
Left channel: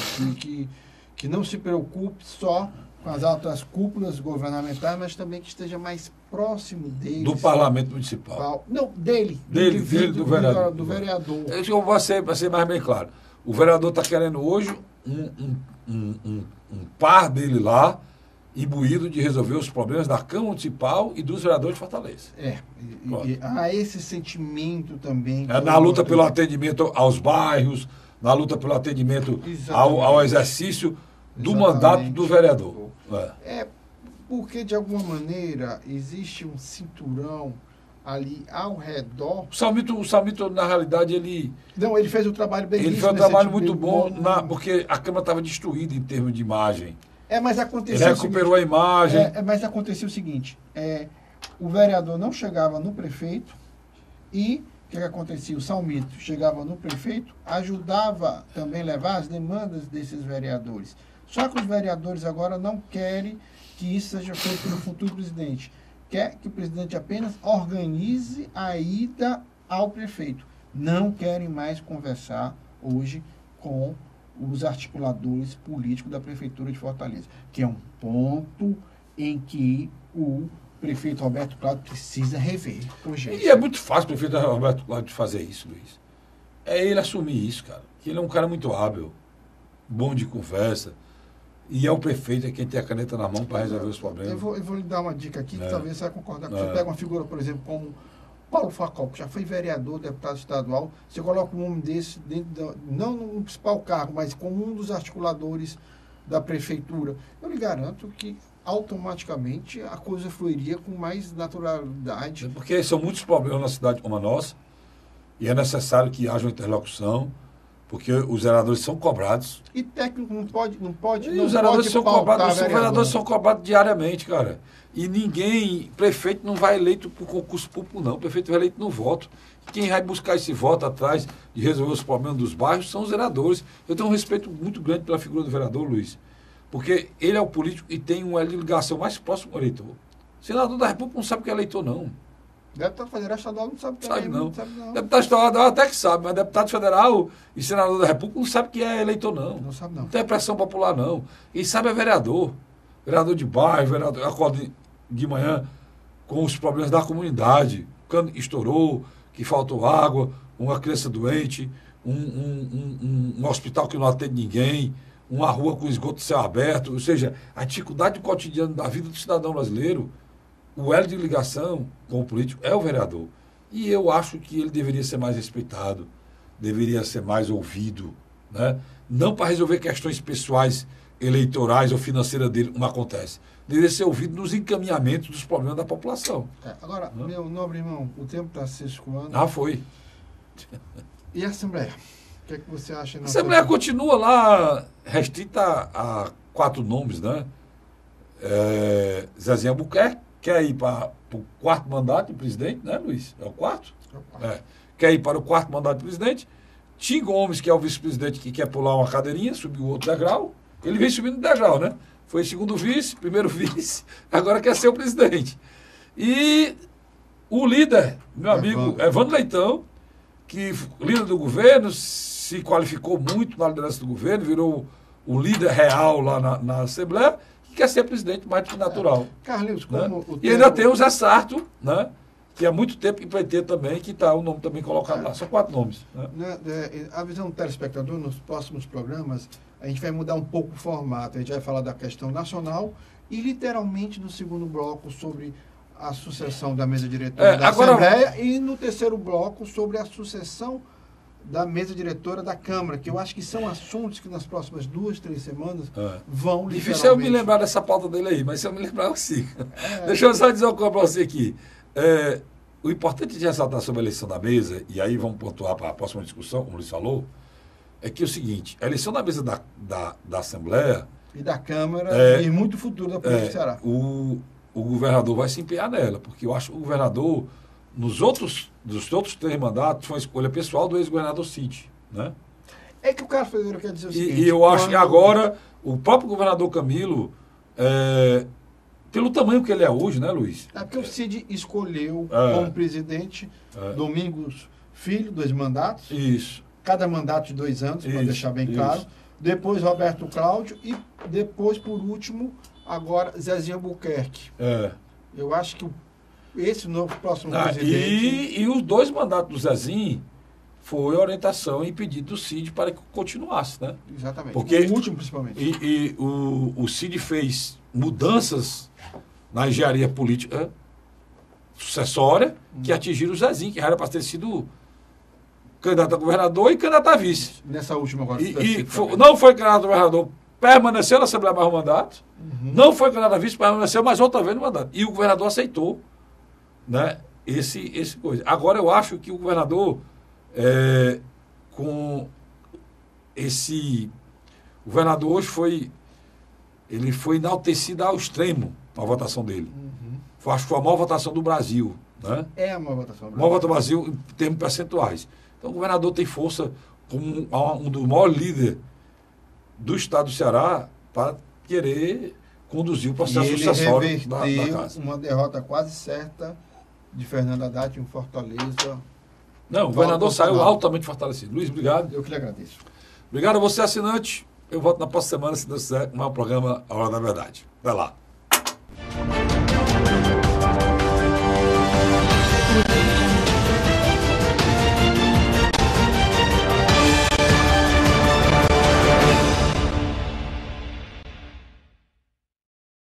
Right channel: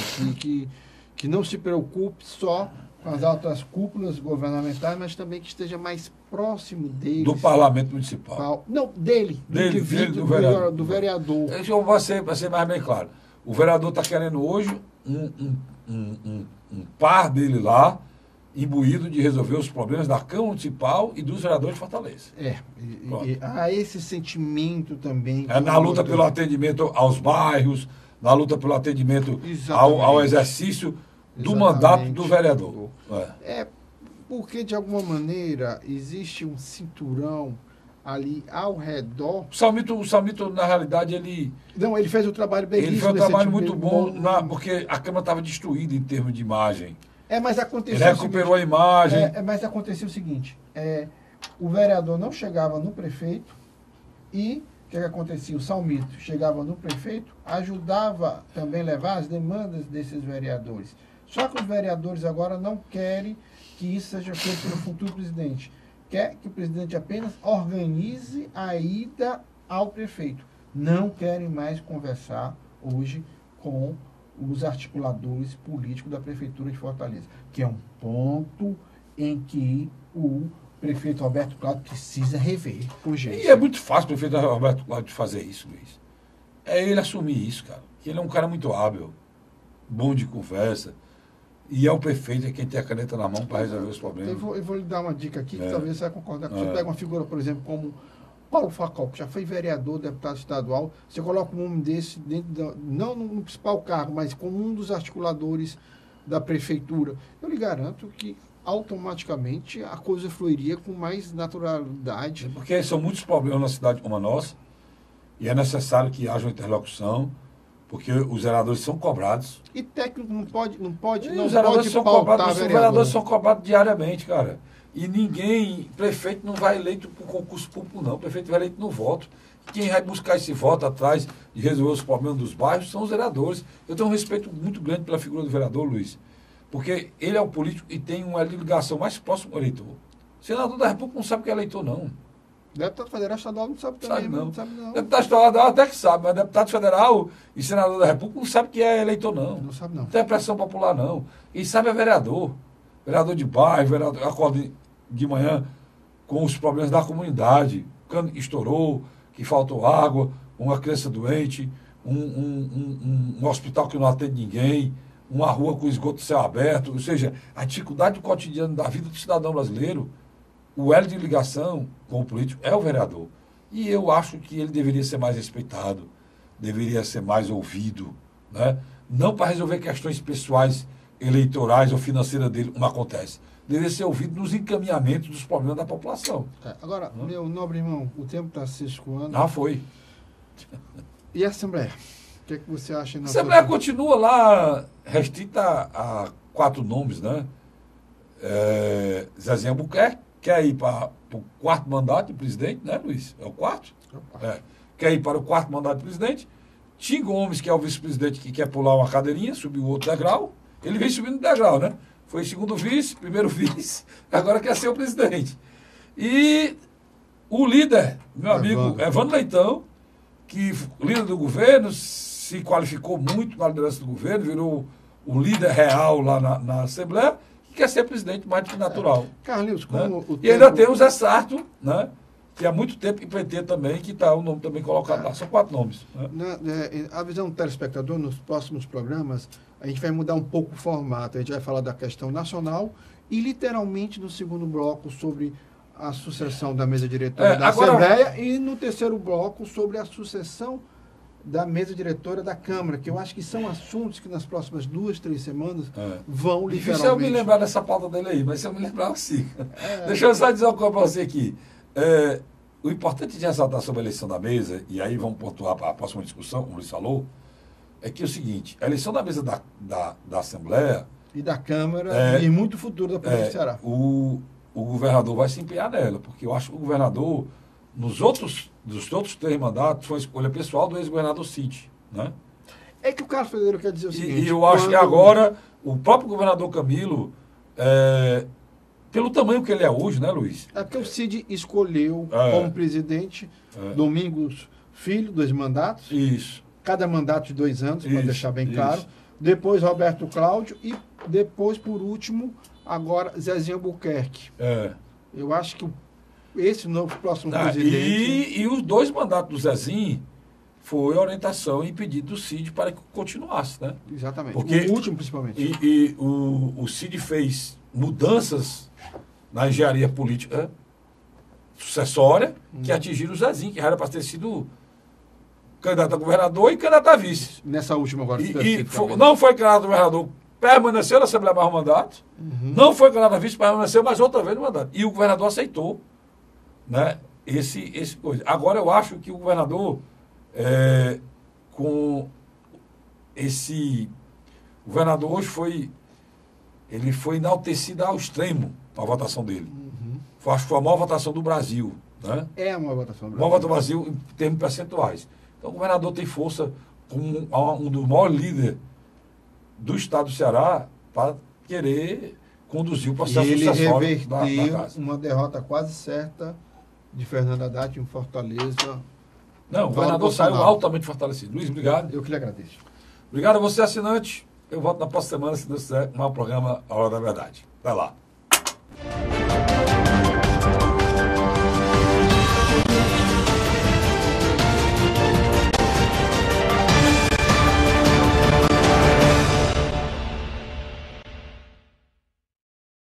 que não se preocupe só com as altas cúpulas governamentais, mas também que esteja mais próximo deles... Do parlamento municipal. Não, dele. Do vereador. Do vereador. Eu vou ser mais bem claro. O vereador está querendo hoje um par dele lá, imbuído de resolver os problemas da Câmara Municipal e dos vereadores de Fortaleza. Há esse sentimento também. Na luta pelo atendimento aos bairros, na luta pelo atendimento ao exercício do mandato do vereador. Porque, de alguma maneira, existe um cinturão ali ao redor. O Salmito, na realidade, ele fez um trabalho bem. Ele fez um trabalho muito bom, porque a Câmara estava destruída em termos de imagem. Mas aconteceu ele recuperou a imagem. Mas aconteceu o seguinte, o vereador não chegava no prefeito e o que acontecia? O Salmito chegava no prefeito, ajudava também a levar as demandas desses vereadores. Só que os vereadores agora não querem que isso seja feito pelo futuro presidente. Quer que o presidente apenas organize a ida ao prefeito. Não querem mais conversar hoje com os articuladores políticos da Prefeitura de Fortaleza, que é um ponto em que o prefeito Roberto Cláudio precisa rever. E é muito fácil o prefeito Roberto Cláudio fazer isso, Luiz. É ele assumir isso, cara. Ele é um cara muito hábil, bom de conversa, e é o prefeito quem tem a caneta na mão para resolver os problemas. Eu vou lhe dar uma dica aqui, que talvez você vai concordar. Você pega uma figura, por exemplo, como Paulo Facol, que já foi vereador, deputado estadual, você coloca um nome desse, não no principal cargo, mas como um dos articuladores da prefeitura. Eu lhe garanto que automaticamente a coisa fluiria com mais naturalidade. Porque são muitos problemas na cidade como a nossa, e é necessário que haja uma interlocução, porque os vereadores são cobrados. E técnico não pode. Os vereadores são cobrados, os vereadores são cobrados diariamente, cara. E prefeito não vai eleito por concurso público, não. O prefeito vai eleito no voto. Quem vai buscar esse voto atrás de resolver os problemas dos bairros são os vereadores. Eu tenho um respeito muito grande pela figura do vereador, Luiz, porque ele é o político e tem uma ligação mais próxima ao eleitor. O senador da República não sabe o que é eleitor, não. Deputado federal estadual não sabe também. Sabe não. Deputado estadual até que sabe, mas deputado federal e senador da República não sabe o que é eleitor, não. Não sabe, não. Não tem pressão popular, não. E sabe é vereador. Vereador de bairro, vereador acorda de manhã com os problemas da comunidade. Quando estourou, que faltou água, uma criança doente, um hospital que não atende ninguém, uma rua com esgoto céu aberto, ou seja, a dificuldade cotidiana da vida do cidadão brasileiro. O elo de ligação com o político é o vereador. E eu acho que ele deveria ser mais respeitado, deveria ser mais ouvido, né? Não para resolver questões pessoais, eleitorais ou financeiras dele, como acontece. Deveria ser ouvido nos encaminhamentos dos problemas da população. Agora, meu nobre irmão, o tempo está se escoando. Foi. E a Assembleia? O que é que você acha? A Assembleia continua lá restrita a 4 nomes, né? Zezinho Albuquerque quer ir para o 4º mandato de presidente, né, Luiz? É o 4º? Quer ir para o 4º mandato de presidente. Tim Gomes, que é o vice-presidente, que quer pular uma cadeirinha, subir o outro degrau. Ele vem subindo o degrau, né? Foi segundo vice, primeiro vice, agora quer ser o presidente. E o líder, meu amigo Evandro Leitão, que líder do governo, se qualificou muito na liderança do governo, virou o líder real lá na Assembleia, que quer ser presidente mais do que natural. Carlinhos, como né? E ainda tem o Zé Sarto, né? Que há muito tempo empreender também, que está o nome também colocado lá. São 4 nomes. Né? A visão do telespectador, nos próximos programas, a gente vai mudar um pouco o formato. A gente vai falar da questão nacional e, literalmente, no segundo bloco, sobre a sucessão da mesa diretora da Assembleia e, no terceiro bloco, sobre a sucessão da mesa diretora da Câmara, que eu acho que são assuntos que nas próximas 2, 3 semanas vão literalmente... Difícil eu me lembrar dessa pauta dele aí, mas se eu me lembrar, eu sim. Deixa eu só dizer uma coisa para você aqui. O importante de ressaltar sobre a eleição da mesa, e aí vamos pontuar para a próxima discussão, como o Luiz falou, é que é o seguinte, a eleição da mesa da Assembleia... E da Câmara, e muito futuro da Polícia do Ceará. O governador vai se empenhar nela, porque eu acho que o governador, dos outros 3 mandatos, foi uma escolha pessoal do ex-governador Cid, né? É que o Carlos Federer quer dizer o seguinte... E eu acho que agora, o próprio governador Camilo... pelo tamanho que ele é hoje, né, Luiz? É porque o Cid escolheu como presidente Domingos Filho, 2 mandatos. Isso. Cada mandato de 2 anos, para deixar bem claro. Depois Roberto Cláudio e depois, por último, agora Zezinho Albuquerque. Eu acho que esse novo próximo presidente... E os 2 mandatos do Zezinho foi orientação e pedido do Cid para que continuasse, né? Exatamente. Porque o último, principalmente. O Cid fez mudanças na engenharia política sucessória que atingiram o Zezinho, que era para ter sido candidato a governador e candidato a vice. Nessa última agora. Não foi candidato a governador, permaneceu na Assembleia mais um mandato, não foi candidato a vice, permaneceu mais outra vez no mandato. E o governador aceitou, né, esse coisa. Agora eu acho que o governador, com esse... O governador hoje ele foi enaltecido ao extremo na votação dele. Acho que foi a maior votação do Brasil. Né? É a maior votação do Brasil. A maior votação do Brasil em termos percentuais. Então o governador tem força como um dos maiores líderes do estado do Ceará para querer conduzir o processo sucessório da casa. Uma derrota quase certa de Fernando Haddad em Fortaleza. Não, o governador saiu altamente fortalecido. Luiz, obrigado. Eu que lhe agradeço. Obrigado a você, assinante. Eu volto na próxima semana, se Deus quiser, no programa A Hora da Verdade. Vai lá.